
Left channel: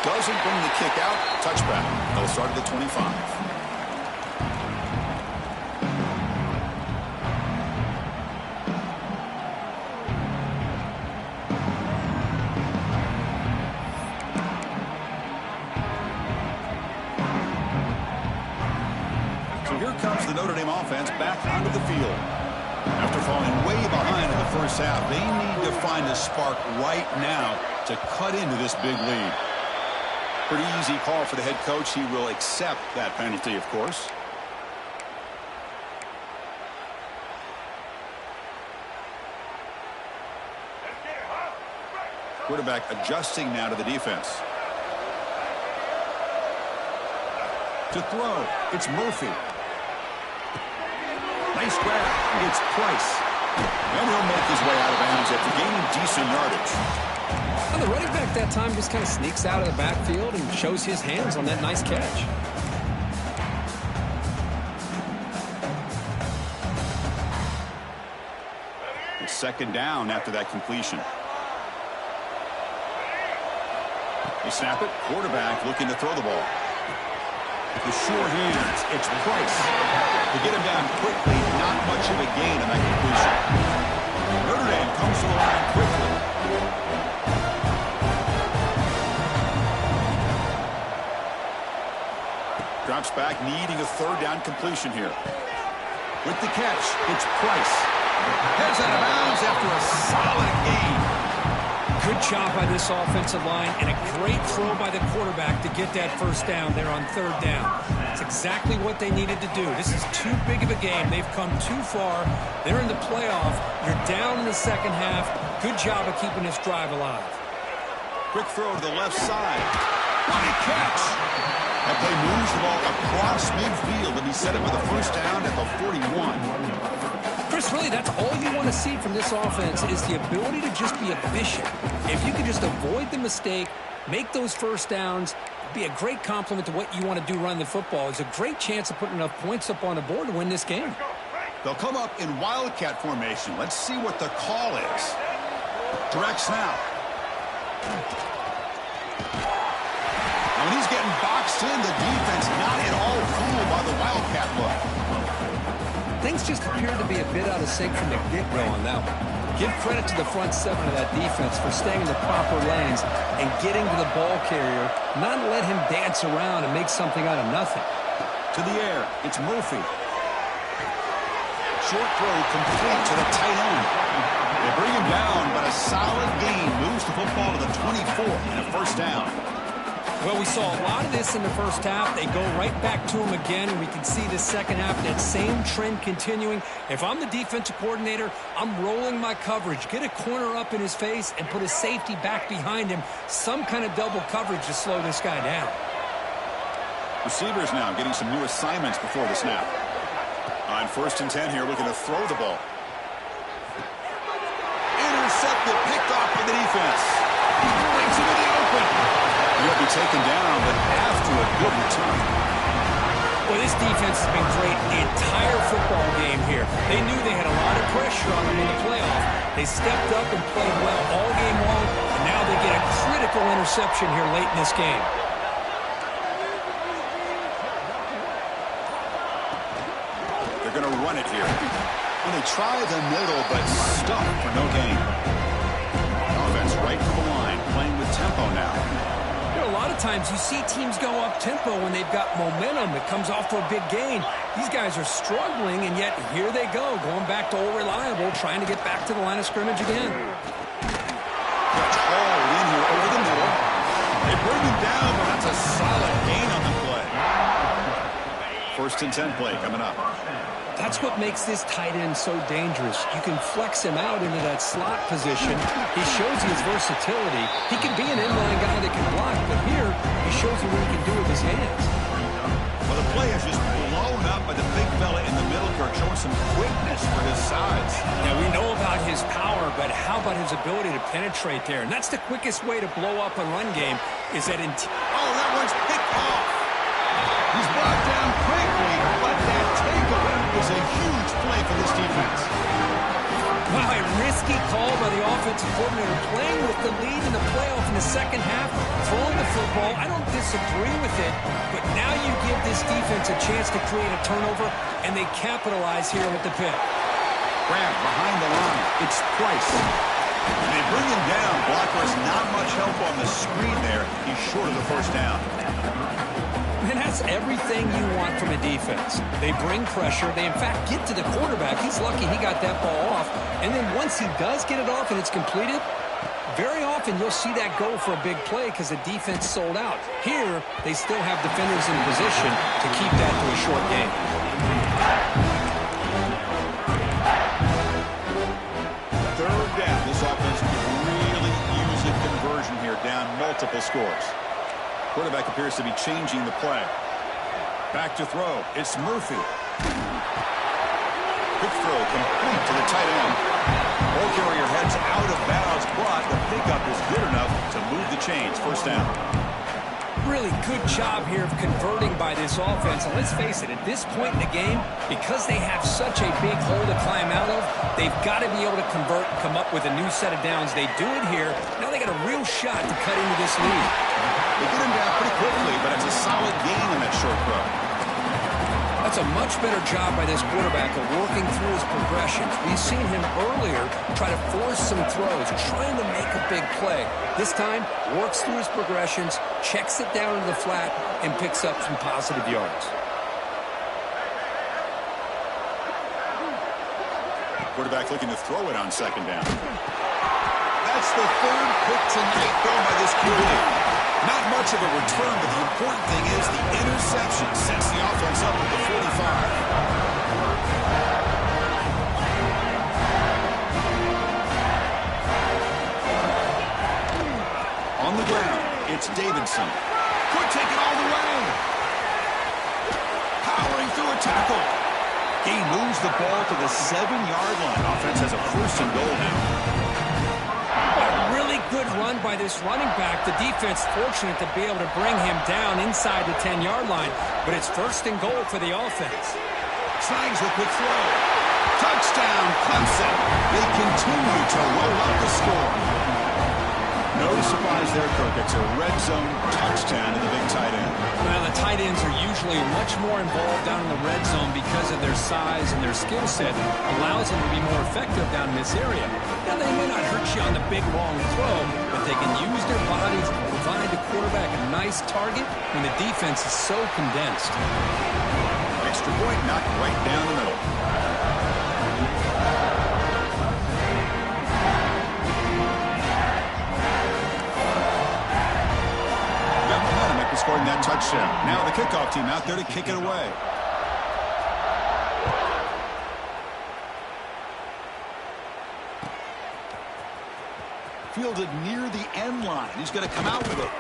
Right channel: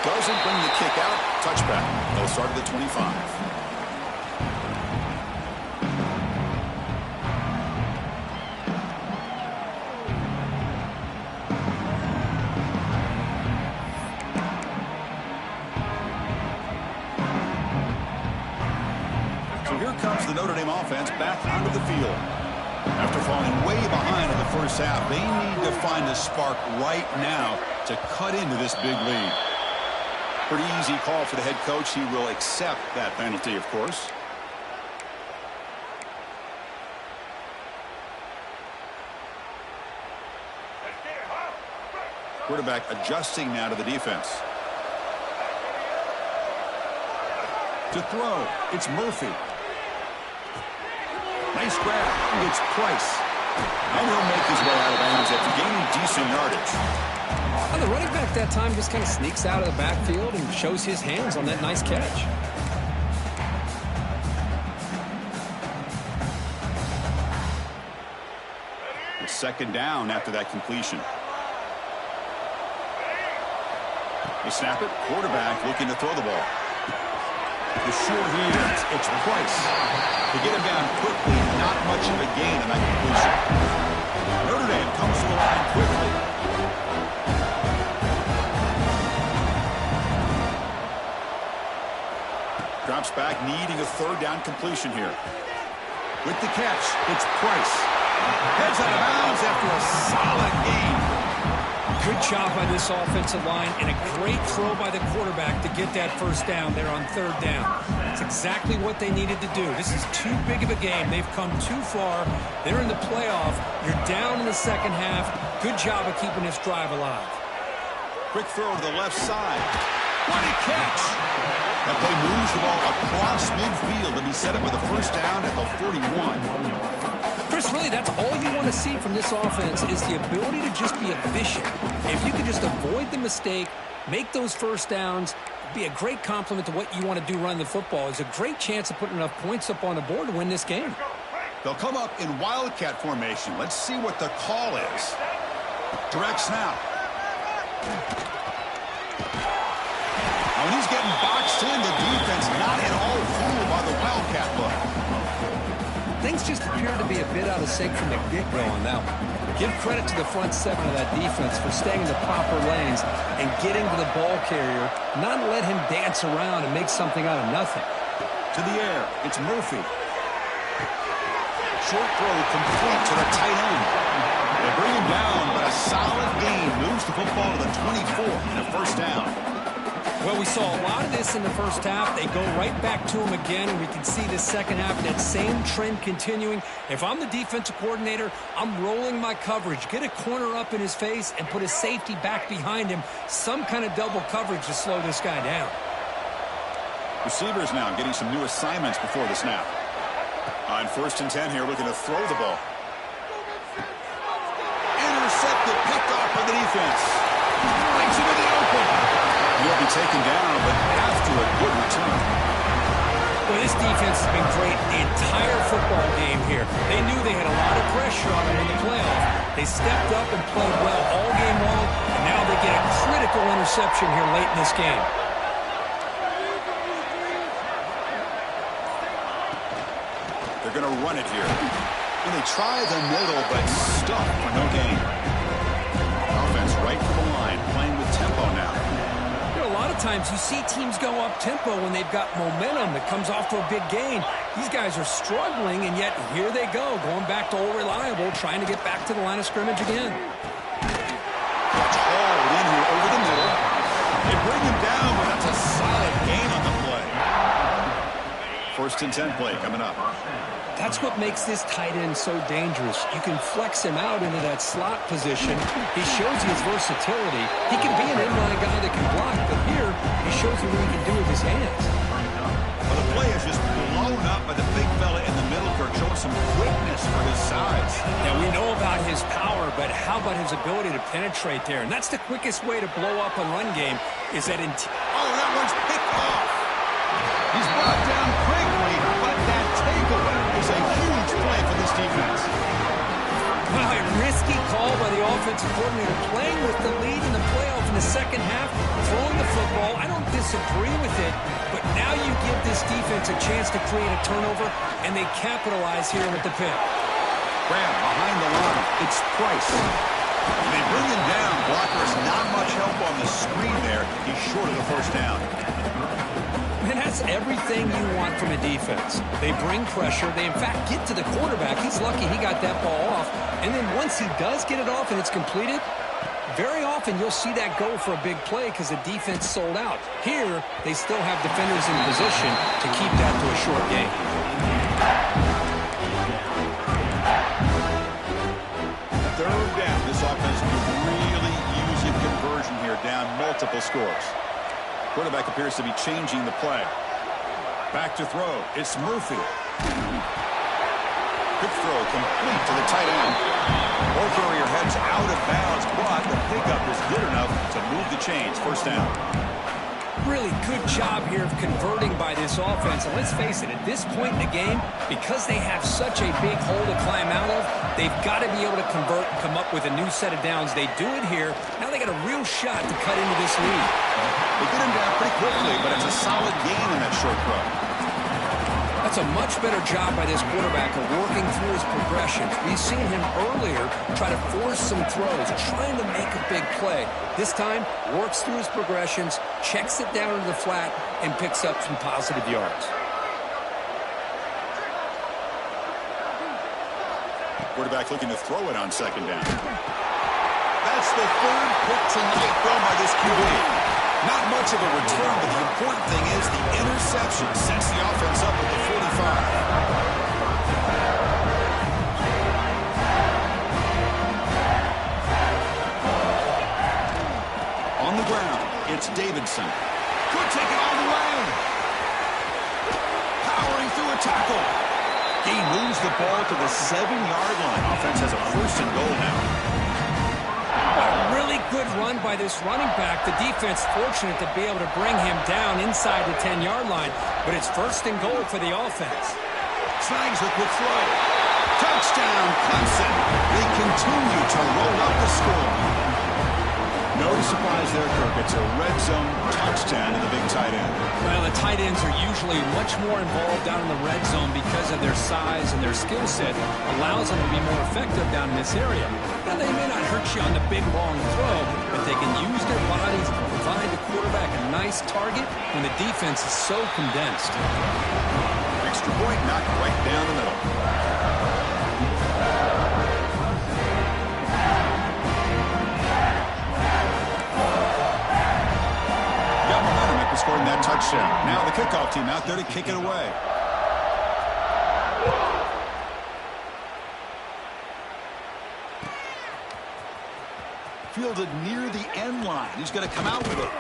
Doesn't bring the kick out. Touchback. They'll start at the 25. The Notre Dame offense back onto the field. After falling way behind in the first half, they need to find a spark right now to cut into this big lead. Pretty easy call for the head coach. He will accept that penalty, of course. Let's get it hot. Quarterback adjusting now to the defense. To throw, it's Murphy. Nice grab. It's Price. And he'll make his way out of bounds after gaining decent yardage. Well, the running back that time just kind of sneaks out of the backfield and shows his hands on that nice catch. It's second down after that completion. They snap it. Quarterback looking to throw the ball. The sure hands. It's Price. To get him down quickly, not much of a gain on that completion. Notre Dame comes to the line quickly. Drops back, needing a third down completion here. With the catch, it's Price. Heads out of bounds after a solid gain. Good job by this offensive line and a great throw by the quarterback to get that first down there on third down. It's exactly what they needed to do. This is too big of a game. They've come too far. They're in the playoff. You're down in the second half. Good job of keeping this drive alive. Quick throw to the left side. What a catch! That play moves the ball across midfield, and he set it with a first down at the 41. Chris, really, that's all you want to see from this offense is the ability to just be efficient. If you can just avoid the mistake, make those first downs, be a great compliment to what you want to do running the football. It's a great chance of putting enough points up on the board to win this game. They'll come up in wildcat formation. Let's see what the call is. Direct snap. Now, when he's getting boxed in, the defense not at all fooled by the wildcat look. Things just appear to be a bit out of sync from the get-go on that one. Give credit to the front seven of that defense for staying in the proper lanes and getting to the ball carrier, not let him dance around and make something out of nothing. To the air, it's Murphy. Short throw complete to the tight end. They bring him down, but a solid gain moves the football to the 24 and a first down. Well, we saw a lot of this in the first half. They go right back to him again, and we can see the second half, that same trend continuing. If I'm the defensive coordinator, I'm rolling my coverage. Get a corner up in his face and put a safety back behind him. Some kind of double coverage to slow this guy down. Receivers now getting some new assignments before the snap. On 1st and 10 here, looking to throw the ball. Intercepted, picked off by the defense. Breaks into the open. He'll be taken down, but after a good return. Well, this defense has been great the entire football game here. They knew they had a lot of pressure on them in the playoff. They stepped up and played well all game long, and now they get a critical interception here late in this game. They're going to run it here. And they try the middle, but stuck for no gain. Offense right to the line, playing with tempo now. A lot of times you see teams go up-tempo when they've got momentum that comes off to a big gain. These guys are struggling, and yet here they go, going back to old reliable, trying to get back to the line of scrimmage again. Catch hauled in here over the middle. They bring him down, but that's a solid gain on the play. 1st and 10 play coming up. That's what makes this tight end so dangerous. You can flex him out into that slot position. He shows you his versatility. He can be an inline guy that can block, but here he shows you what he can do with his hands. Well, the play is just blown up by the big fella in the middle, Kirk, showing some quickness for his size. Yeah, we know about his power, but how about his ability to penetrate there? And that's the quickest way to blow up a run game is that that one's picked off. He's brought down quickly, but that takeaway is a huge play for this defense. Wow, a risky call by the offensive coordinator, playing with the lead in the playoff in the second half, throwing the football. I don't disagree with it, but now you give this defense a chance to create a turnover, and they capitalize here with the pick. Grab behind the line. It's Price. And they bring him down. Blocker has not much help on the screen there. He's short of the first down. Man, that's everything you want from a defense. They bring pressure. They, in fact, get to the quarterback. He's lucky he got that ball off. And then once he does get it off and it's completed, very often you'll see that go for a big play because the defense sold out. Here, they still have defenders in position to keep that to a short game. Third down. This offense could really use a conversion. conversion here, down multiple scores. Quarterback appears to be changing the play. Back to throw. It's Murphy. Quick throw complete to the tight end. Ball carrier heads out of bounds, but the pickup is good enough to move the chains. First down. Really good job here of converting by this offense. And let's face it, at this point in the game, because they have such a big hole to climb out of, they've got to be able to convert and come up with a new set of downs. They do it here. Now they got a real shot to cut into this lead. They get him down pretty quickly, but it's a solid gain on that short throw. That's a much better job by this quarterback of working through his progressions. We've seen him earlier try to force some throws, trying to make a big play. This time, works through his progressions, checks it down into the flat, and picks up some positive yards. Quarterback looking to throw it on second down. That's the third pick tonight thrown by this QB. Not much of a return, but the important thing is the interception sets the offense up at the 45. On the ground, it's Davidson. Could take it all the way. Powering through a tackle. He moves the ball to the 7-yard line. Offense has a 1st and goal now. A really good run by this running back. The defense fortunate to be able to bring him down inside the 10-yard line, but it's 1st and goal for the offense. Snags the quick throw. Touchdown, Clemson. They continue to roll up the score. No surprise there, Kirk. It's a red zone touchdown to the big tight end. Well, the tight ends are usually much more involved down in the red zone because of their size and their skill set. Allows them to be more effective down in this area. Now, they may not hurt you on the big, long throw, but they can use their bodies to provide the quarterback a nice target when the defense is so condensed. Extra point knocked right down the middle. Scoring that touchdown. Now the kickoff team out there to kick it away. Fielded near the end line. He's going to come out with it.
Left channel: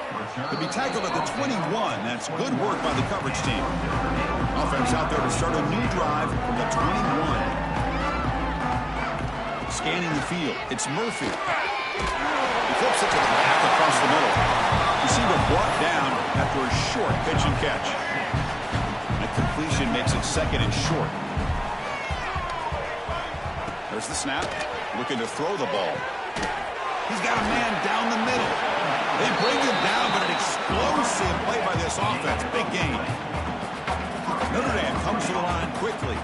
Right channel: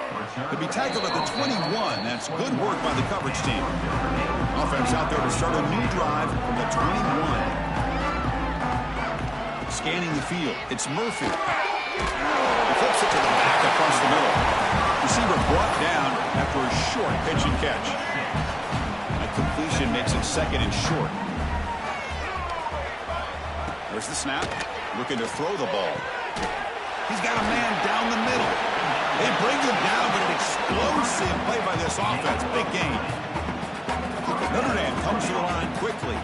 Could be tackled at the 21. That's good work by the coverage team. Offense out there to start a new drive from the 21. Scanning the field. It's Murphy. He flips it to the back across the middle. Receiver brought down after a short pitch and catch. That completion makes it 2nd and short. There's the snap. Looking to throw the ball. He's got a man down the middle. They bring him down, but an explosive play by this offense. Big gain. Notre Dame comes to the line quickly.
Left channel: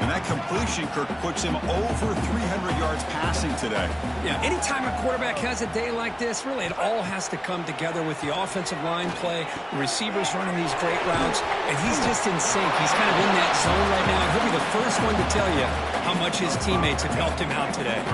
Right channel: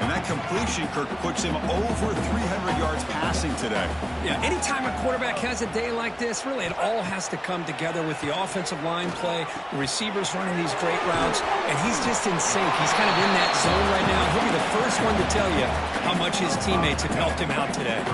And that completion, Kirk, puts him over 300 yards passing today. Yeah, anytime a quarterback has a day like this, really it all has to come together with the offensive line play, the receivers running these great routes, and he's just in sync. He's kind of in that zone right now. He'll be the first one to tell you how much his teammates have helped him out today.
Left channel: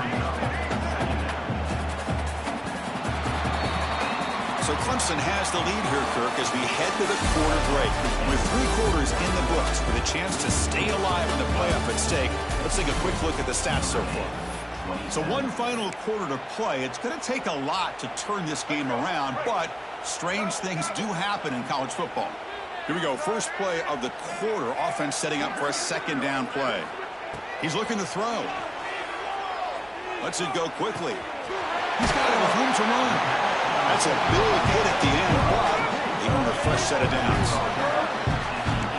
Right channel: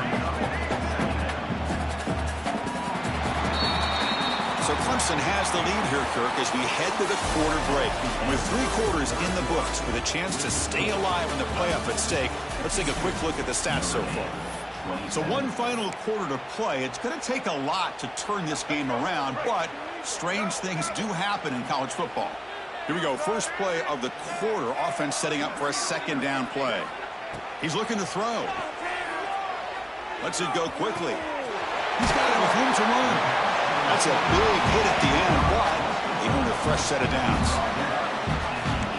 So Clemson has the lead here, Kirk, as we head to the quarter break. With 3 quarters in the books, with a chance to stay alive in the playoff at stake, let's take a quick look at the stats so far. So one final quarter to play. It's going to take a lot to turn this game around, but strange things do happen in college football. Here we go. First play of the quarter. Offense setting up for a 2nd down play. He's looking to throw. Lets it go quickly. He's got it with room to run. That's a big hit at the end, but they earn a fresh set of downs.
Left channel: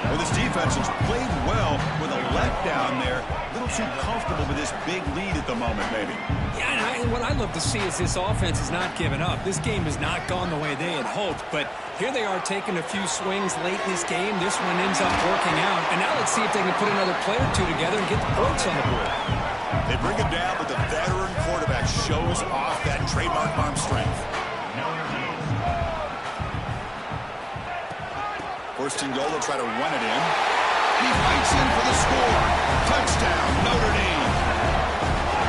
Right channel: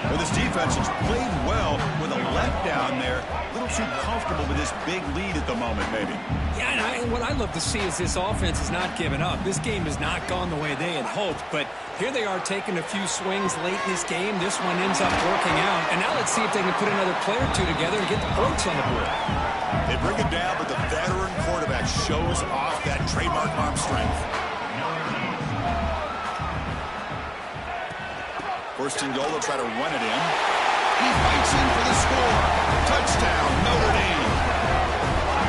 Well, this defense has played well with a letdown there. A little too comfortable with this big lead at the moment, maybe. Yeah, and what I'd love to see is this offense is not giving up. This game has not gone the way they had hoped, but here they are taking a few swings late in this game. This one ends up working out, and now let's see if they can put another play or two together and get the points on the board. They bring him down, but the veteran quarterback shows off that trademark arm strength. 1st and goal, they'll try to run it in. And he fights in for the score. Touchdown, Notre Dame.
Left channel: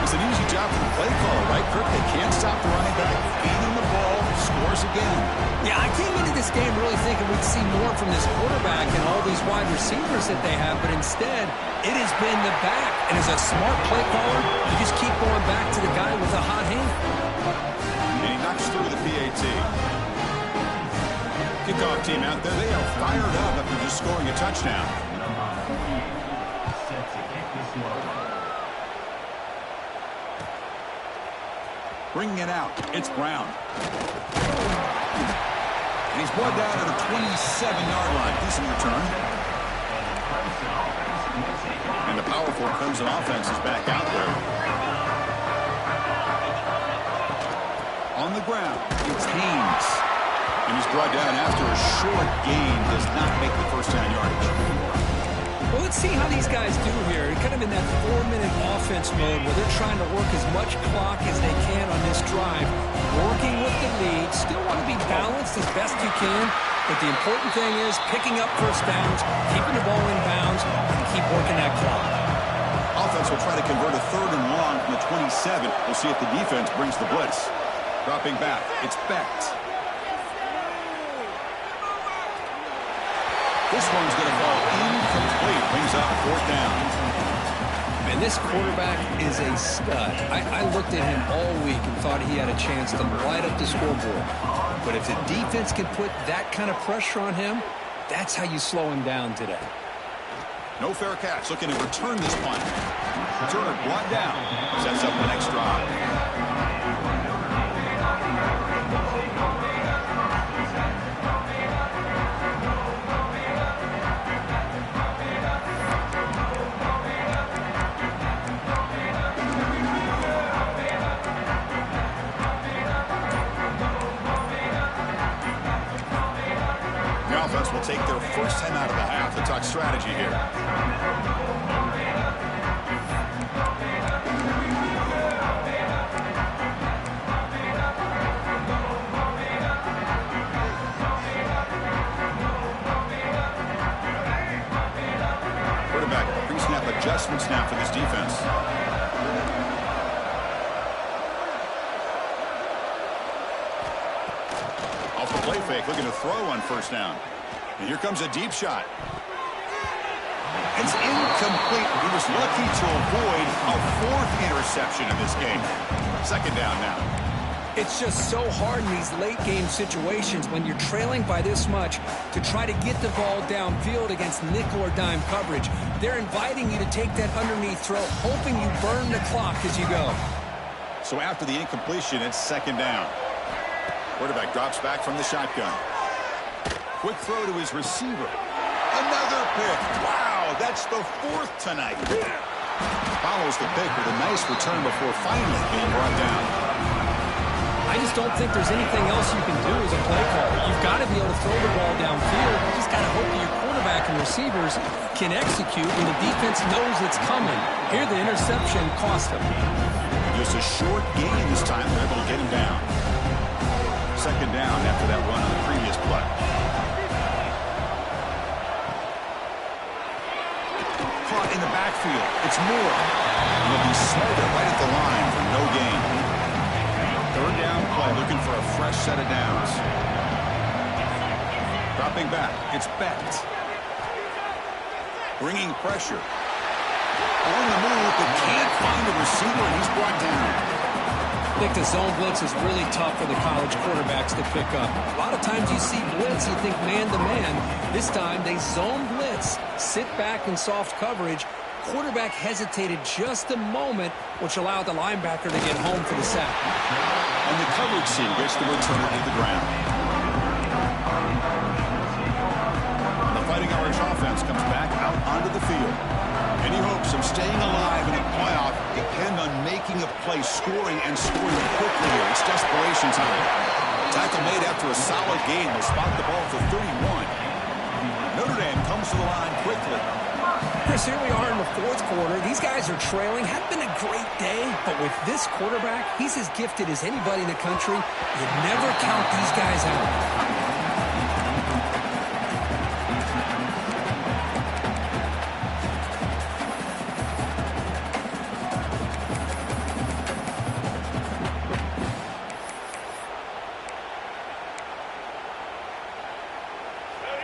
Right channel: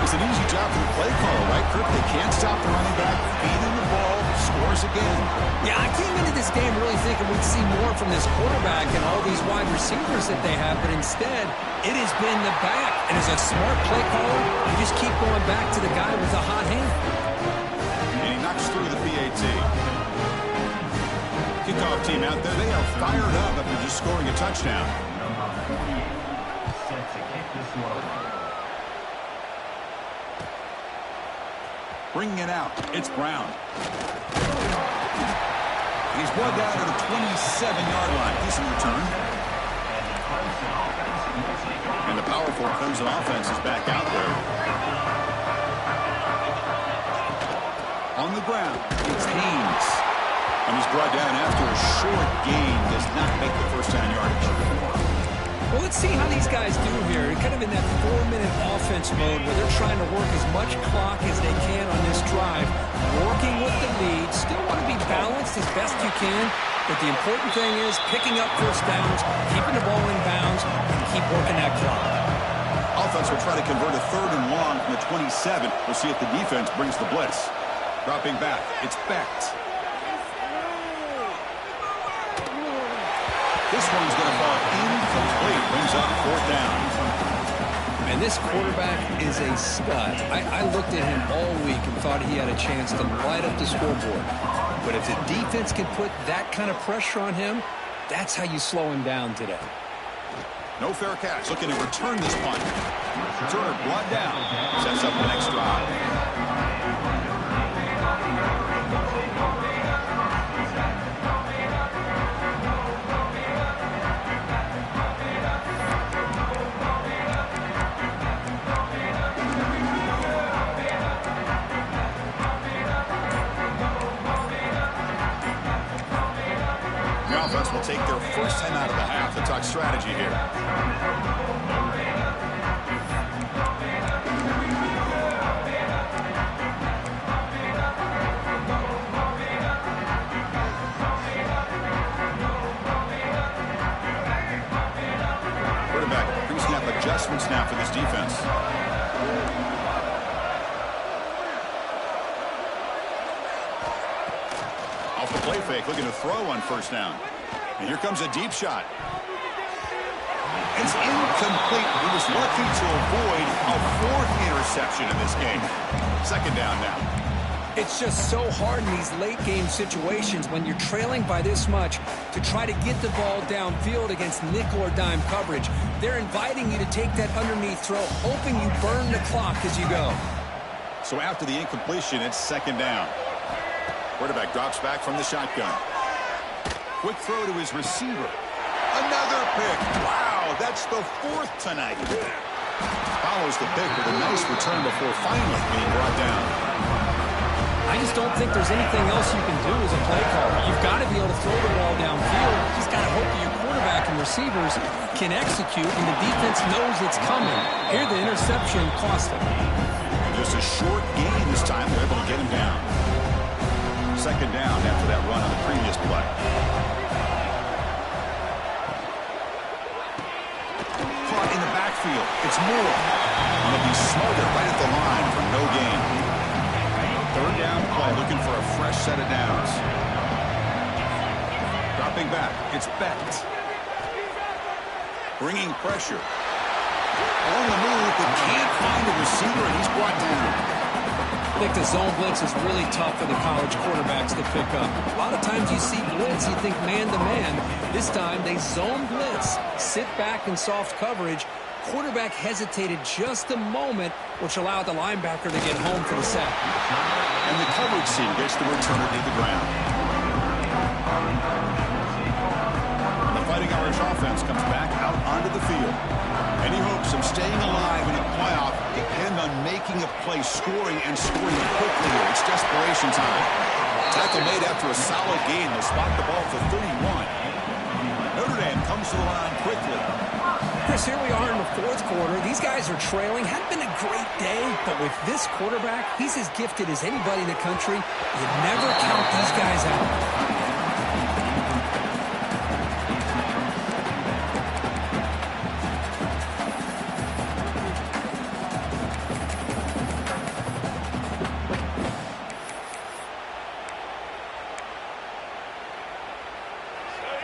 It's an easy job for the play caller, right, Kirk? They can't stop the running back, feeding the ball, scores again. Yeah, I came into this game really thinking we'd see more from this quarterback and all these wide receivers that they have, but instead, it has been the back. And as a smart play caller, you just keep going back to the guy with a hot hand. And he knocks through the PAT. Kickoff team out there, they are fired up after just scoring a touchdown. Number 48, set to kick this one away. Bringing it out, it's Brown. And he's brought down at the 27-yard line. Decent return. And the powerful Clemson offense is back out there. On the ground, it's Haynes. And he's brought down after a short gain. Does not make the first down yardage. Well, let's see how these guys do here. Kind of in that 4-minute offense mode where they're trying to work as much clock as they can on this drive. Working with the lead. Still want to be balanced as best you can. But the important thing is picking up first downs, keeping the ball in bounds, and keep working that clock. Offense will try to convert a 3rd and long from the 27. We'll see if the defense brings the blitz. Dropping back, it's Becht. This one's going to fall incomplete. Brings up 4th down. And this quarterback is a stud. I looked at him all week and thought he had a chance to light up the scoreboard. But if the defense can put that kind of pressure on him, that's how you slow him down today. No fair catch. Looking to return this punt. Returner brought down. Sets up the next drive. Offense will take their first 10 out of the half to talk strategy here. Quarterback pre-snap adjustments now for this defense. Off the play fake, looking to throw on first down. And here comes a deep shot. It's incomplete. He was lucky to avoid a 4th interception in this game. 2nd down now. It's just so hard in these late game situations when you're trailing by this much to try to get the ball downfield against nickel or dime coverage. They're inviting you to take that underneath throw, hoping you burn the clock as you go. So after the incompletion, it's 2nd down. Quarterback drops back from the shotgun. Quick throw to his receiver. Another pick. Wow, that's the 4th tonight. Follows the pick with a nice return before finally being brought down. I just don't think there's anything else you can do as a play caller. You've got to be able to throw the ball downfield. You just got to hope that your quarterback and receivers can execute and the defense knows it's coming. Here the interception cost them. And just a short gain this time. They're able to get him down. 2nd down after that run on the previous play. Caught in the backfield. It's Moore. And they'll be smothered right at the line for no gain. 3rd down play, looking for a fresh set of downs. Dropping back, it's Becht. Bringing pressure. On the move, but can't find a receiver, and he's brought down. I think the zone blitz is really tough for the college quarterbacks to pick up. A lot of times you see blitz, you think man-to-man. This time they zone blitz, sit back in soft coverage. Quarterback hesitated just a moment, which allowed the linebacker to get home for the sack. And the coverage team gets the returner to the ground. And the Fighting Irish offense comes back out onto the field. Any hopes of staying alive in a playoff depend on making a play, scoring, and scoring quickly here. It's desperation time. Tackle made after a solid gain. They'll spot the ball for 31. Notre Dame comes to the line quickly. Chris, here we are in the 4th quarter. These guys are trailing. Hadn't been a great day, but with this quarterback, he's as gifted as anybody in the country. You never count these guys out.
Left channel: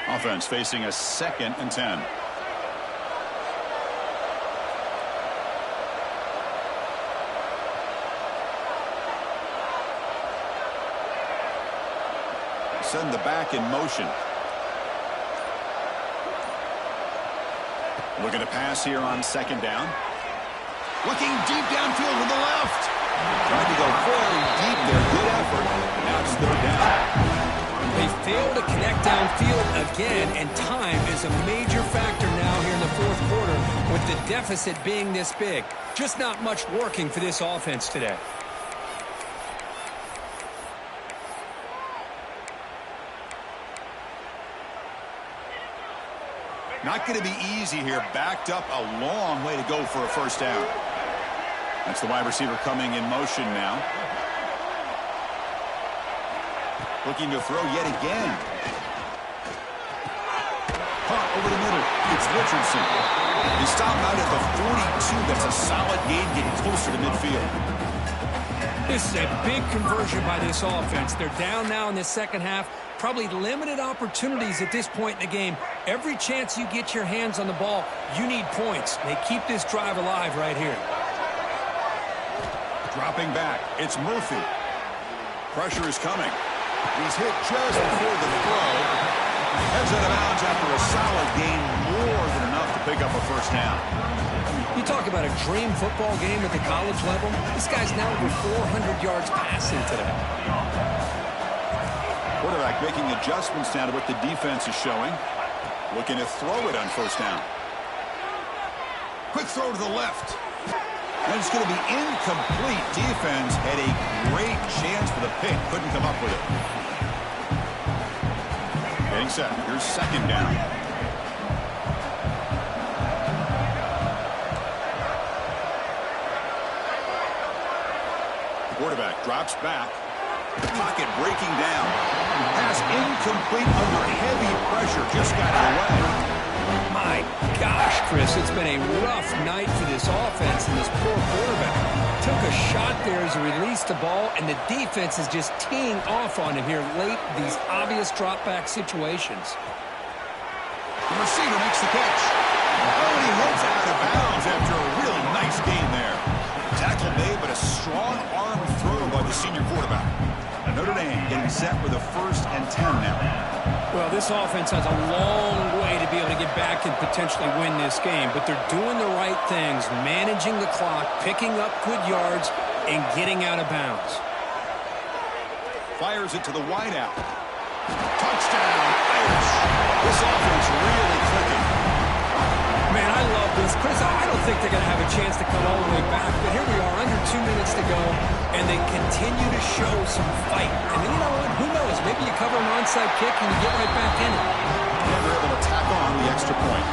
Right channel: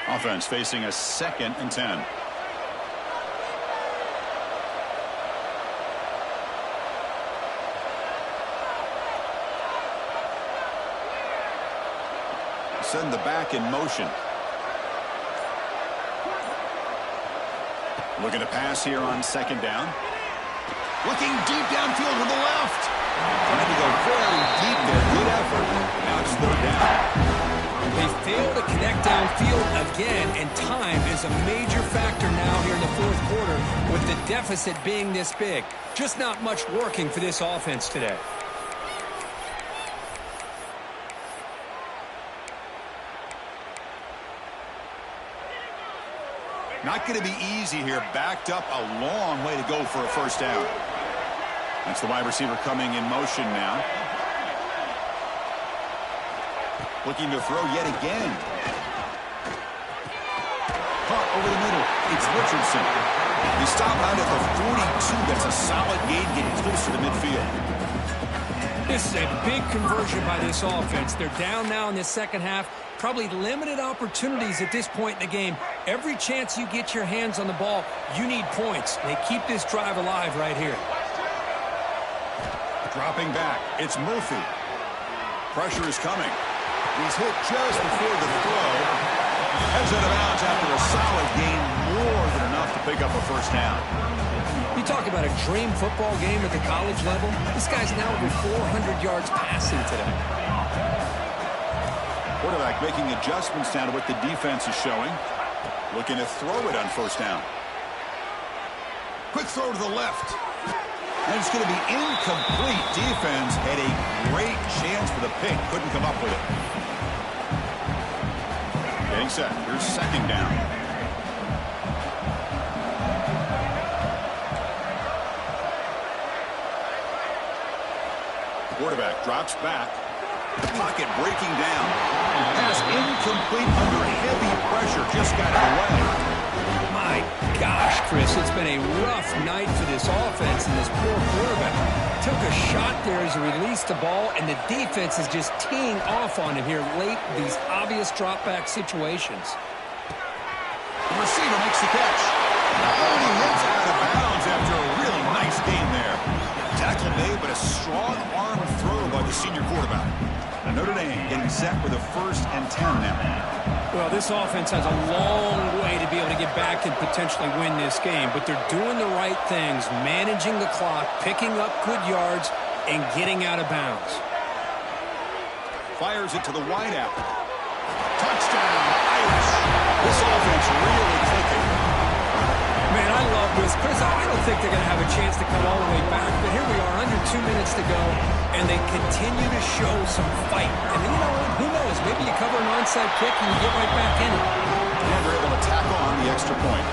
Offense facing a 2nd and 10. send the back in motion. Looking to pass here on second down. Looking deep downfield to the left. Trying to go very deep there. Good effort. Now it's third down. They fail to connect downfield again, and time is a major factor now here in the fourth quarter with the deficit being this big. Just not much working for this offense today. Not going to be easy here. Backed up a long way to go for a first down. That's the wide receiver coming in motion now. Looking to throw yet again. Caught over the middle. It's Richardson. They stop out at the 42. That's a solid gain, getting closer to midfield. This is a big conversion by this offense. They're down now in the second half. Probably limited opportunities at this point in the game. Every chance you get your hands on the ball, you need points. They keep this drive alive right here. Dropping back. It's Murphy. Pressure is coming. He's hit just before the throw. Heads out of bounds after a solid gain, more than enough to pick up a first down. You talk about a dream football game at the college level. This guy's now over 400 yards passing today. Quarterback making adjustments now to what the defense is showing. Looking to throw it on first down. Quick throw to the left. And it's going to be incomplete. Defense had a great chance for the pick. Couldn't come up with it. Getting set. Here's second down. The quarterback drops back. The pocket breaking down. Pass incomplete under heavy pressure. Just got it away. My gosh, Chris, it's been a rough night for this offense and this poor quarterback. Took a shot there as he released the ball, and the defense is just teeing off on him here late in these obvious drop-back situations. The receiver makes the catch. Oh, and he heads out of bounds after a really nice gain there. Tackle made, but a strong arm throw by the senior quarterback. Notre Dame getting set for the 1st and 10 now. Well, this offense has a long way to be able to get back and potentially win this game, but they're doing the right things, managing the clock, picking up good yards, and getting out of bounds. Fires it to the wideout. Touchdown, Irish. This offense really clicking. Man, I love this. Chris, I don't think they're going to have a chance to come all the way back, but here we are, under 2 minutes to go, and they continue to show some fight. And you know what? Who knows? Maybe you cover an onside kick and you get right back in it. And they're able to tack on the extra point.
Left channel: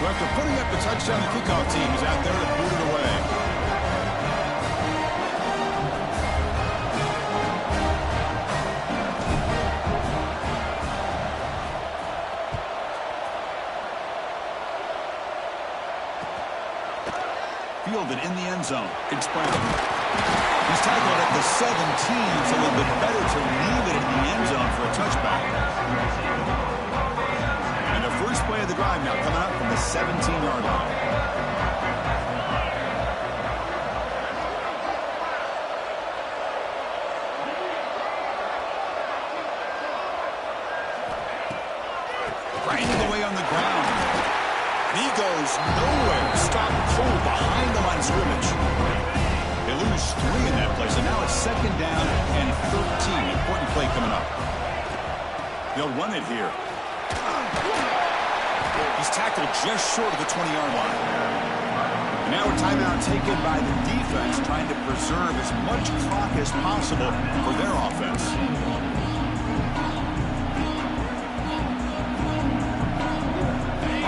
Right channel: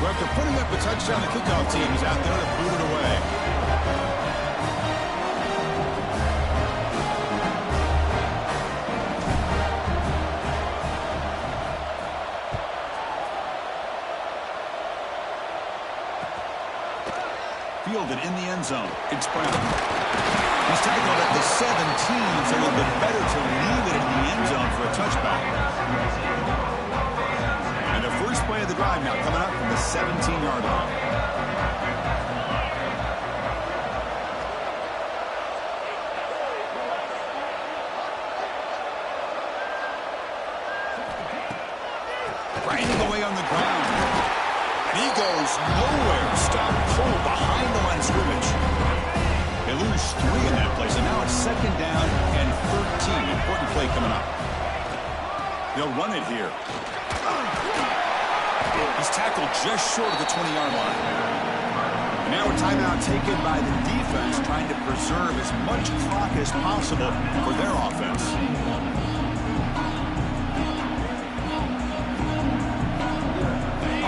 So after putting up a touchdown, the kickoff team is out there to boot it away. Fielded in the end zone. It's Brown. He's tackled at the 17, so a little bit better to leave it in the end zone for a touchback. And the first play of the drive now coming up from the 17-yard line. Grinding away on the ground. He goes nowhere. Stop cold behind the line of scrimmage. They lose 3 in that play, so now it's second down and 13. Important play coming up. They'll run it here. He's tackled just short of the 20-yard line. And now a timeout taken by the defense, trying to preserve as much clock as possible for their offense.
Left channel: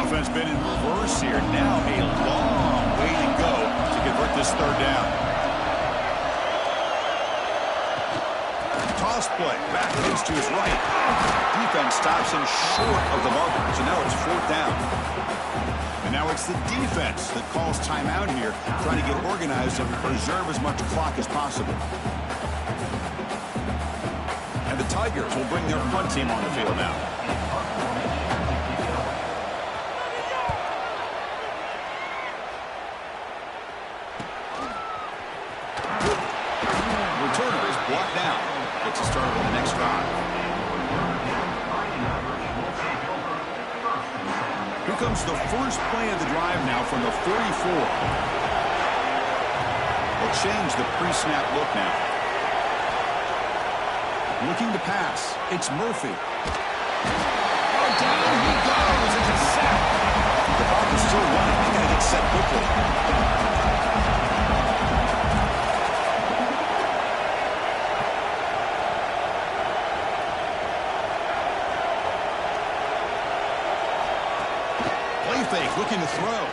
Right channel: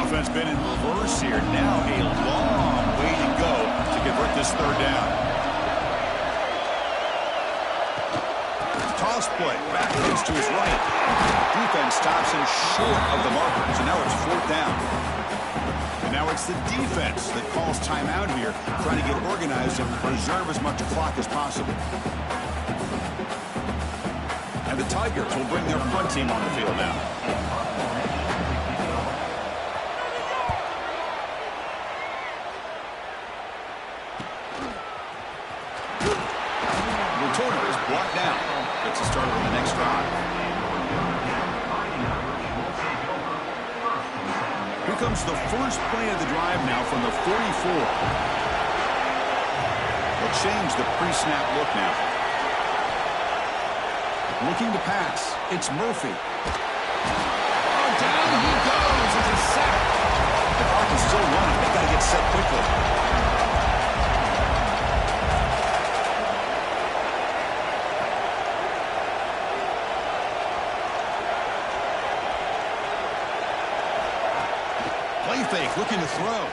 Offense been in reverse here. Now a long way to go to convert this third down. Toss play. Backwards to his right. Defense stops him short of the marker. So now it's fourth down. And now it's the defense that calls timeout here, trying to get organized and preserve as much clock as possible. And the Tigers will bring their punt team on the field now. to start with the next drive. Here comes the first play of the drive now from the 44. They'll change the pre-snap look now. Looking to pass. It's Murphy. Oh, down he goes. It's a sack. The clock is still running. They got to get set quickly. Play fake, looking to throw.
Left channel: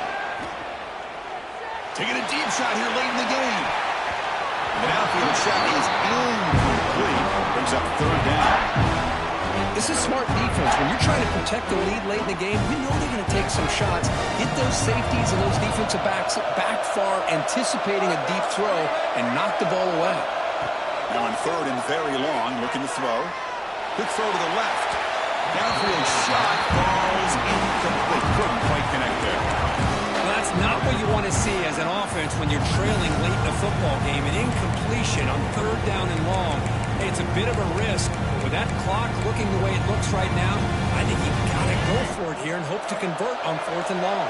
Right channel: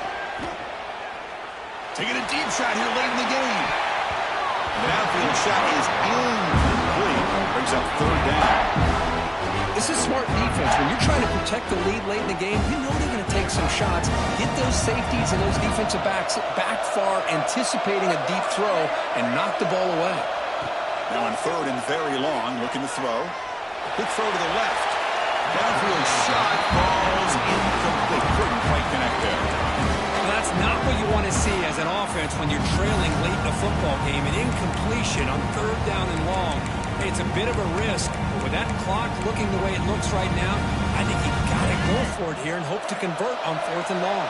Taking a deep shot here late in the game. And the downfield shot is incomplete. Brings up third down. This is smart defense. When you're trying to protect the lead late in the game, you know they're going to take some shots, get those safeties and those defensive backs back far, anticipating a deep throw, and knock the ball away. Now on third and very long, looking to throw. Quick throw to the left. Downfield shot, falls incomplete. Couldn't quite connect there. Well, that's not what you want to see as an offense when you're trailing late in a football game. An incompletion on third down and long. Hey, it's a bit of a risk, but with that clock looking the way it looks right now, I think you've got to go for it here and hope to convert on fourth and long.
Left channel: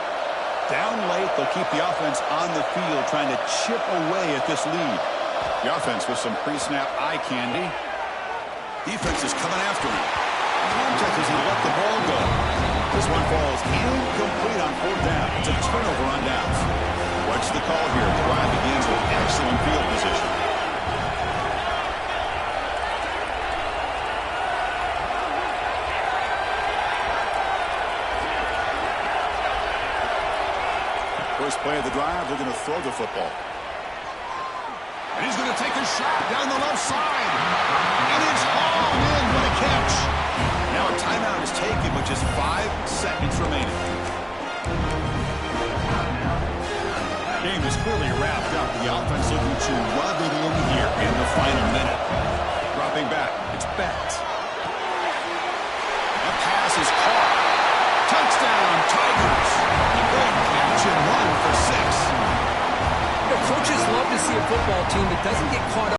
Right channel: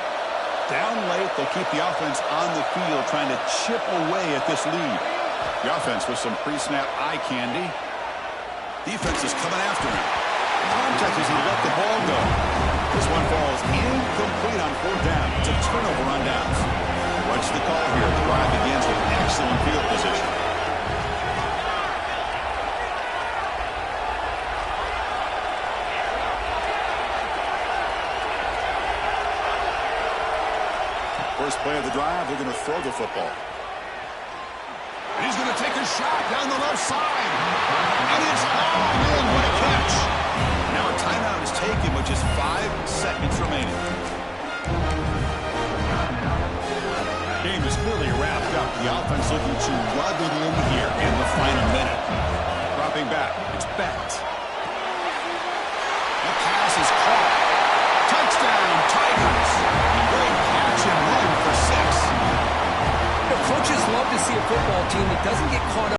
Down late, they'll keep the offense on the field trying to chip away at this lead. The offense with some pre-snap eye candy. Defense is coming after him. Contact as he let the ball go. This one falls incomplete on fourth down. It's a turnover on downs. What's the call here? The drive begins with excellent field position. First play of the drive, they're going to throw the football. And he's going to take a shot down the left side. And it's hauled in. What a catch. Now a timeout is taken with just 5 seconds remaining. Game is clearly wrapped up. The offense looking to rub it in here in the final minute. Dropping back. It's Bett. The pass is caught. Touchdown, Tigers. A great catch and run for 6. You know, coaches love to see a football team that doesn't get caught up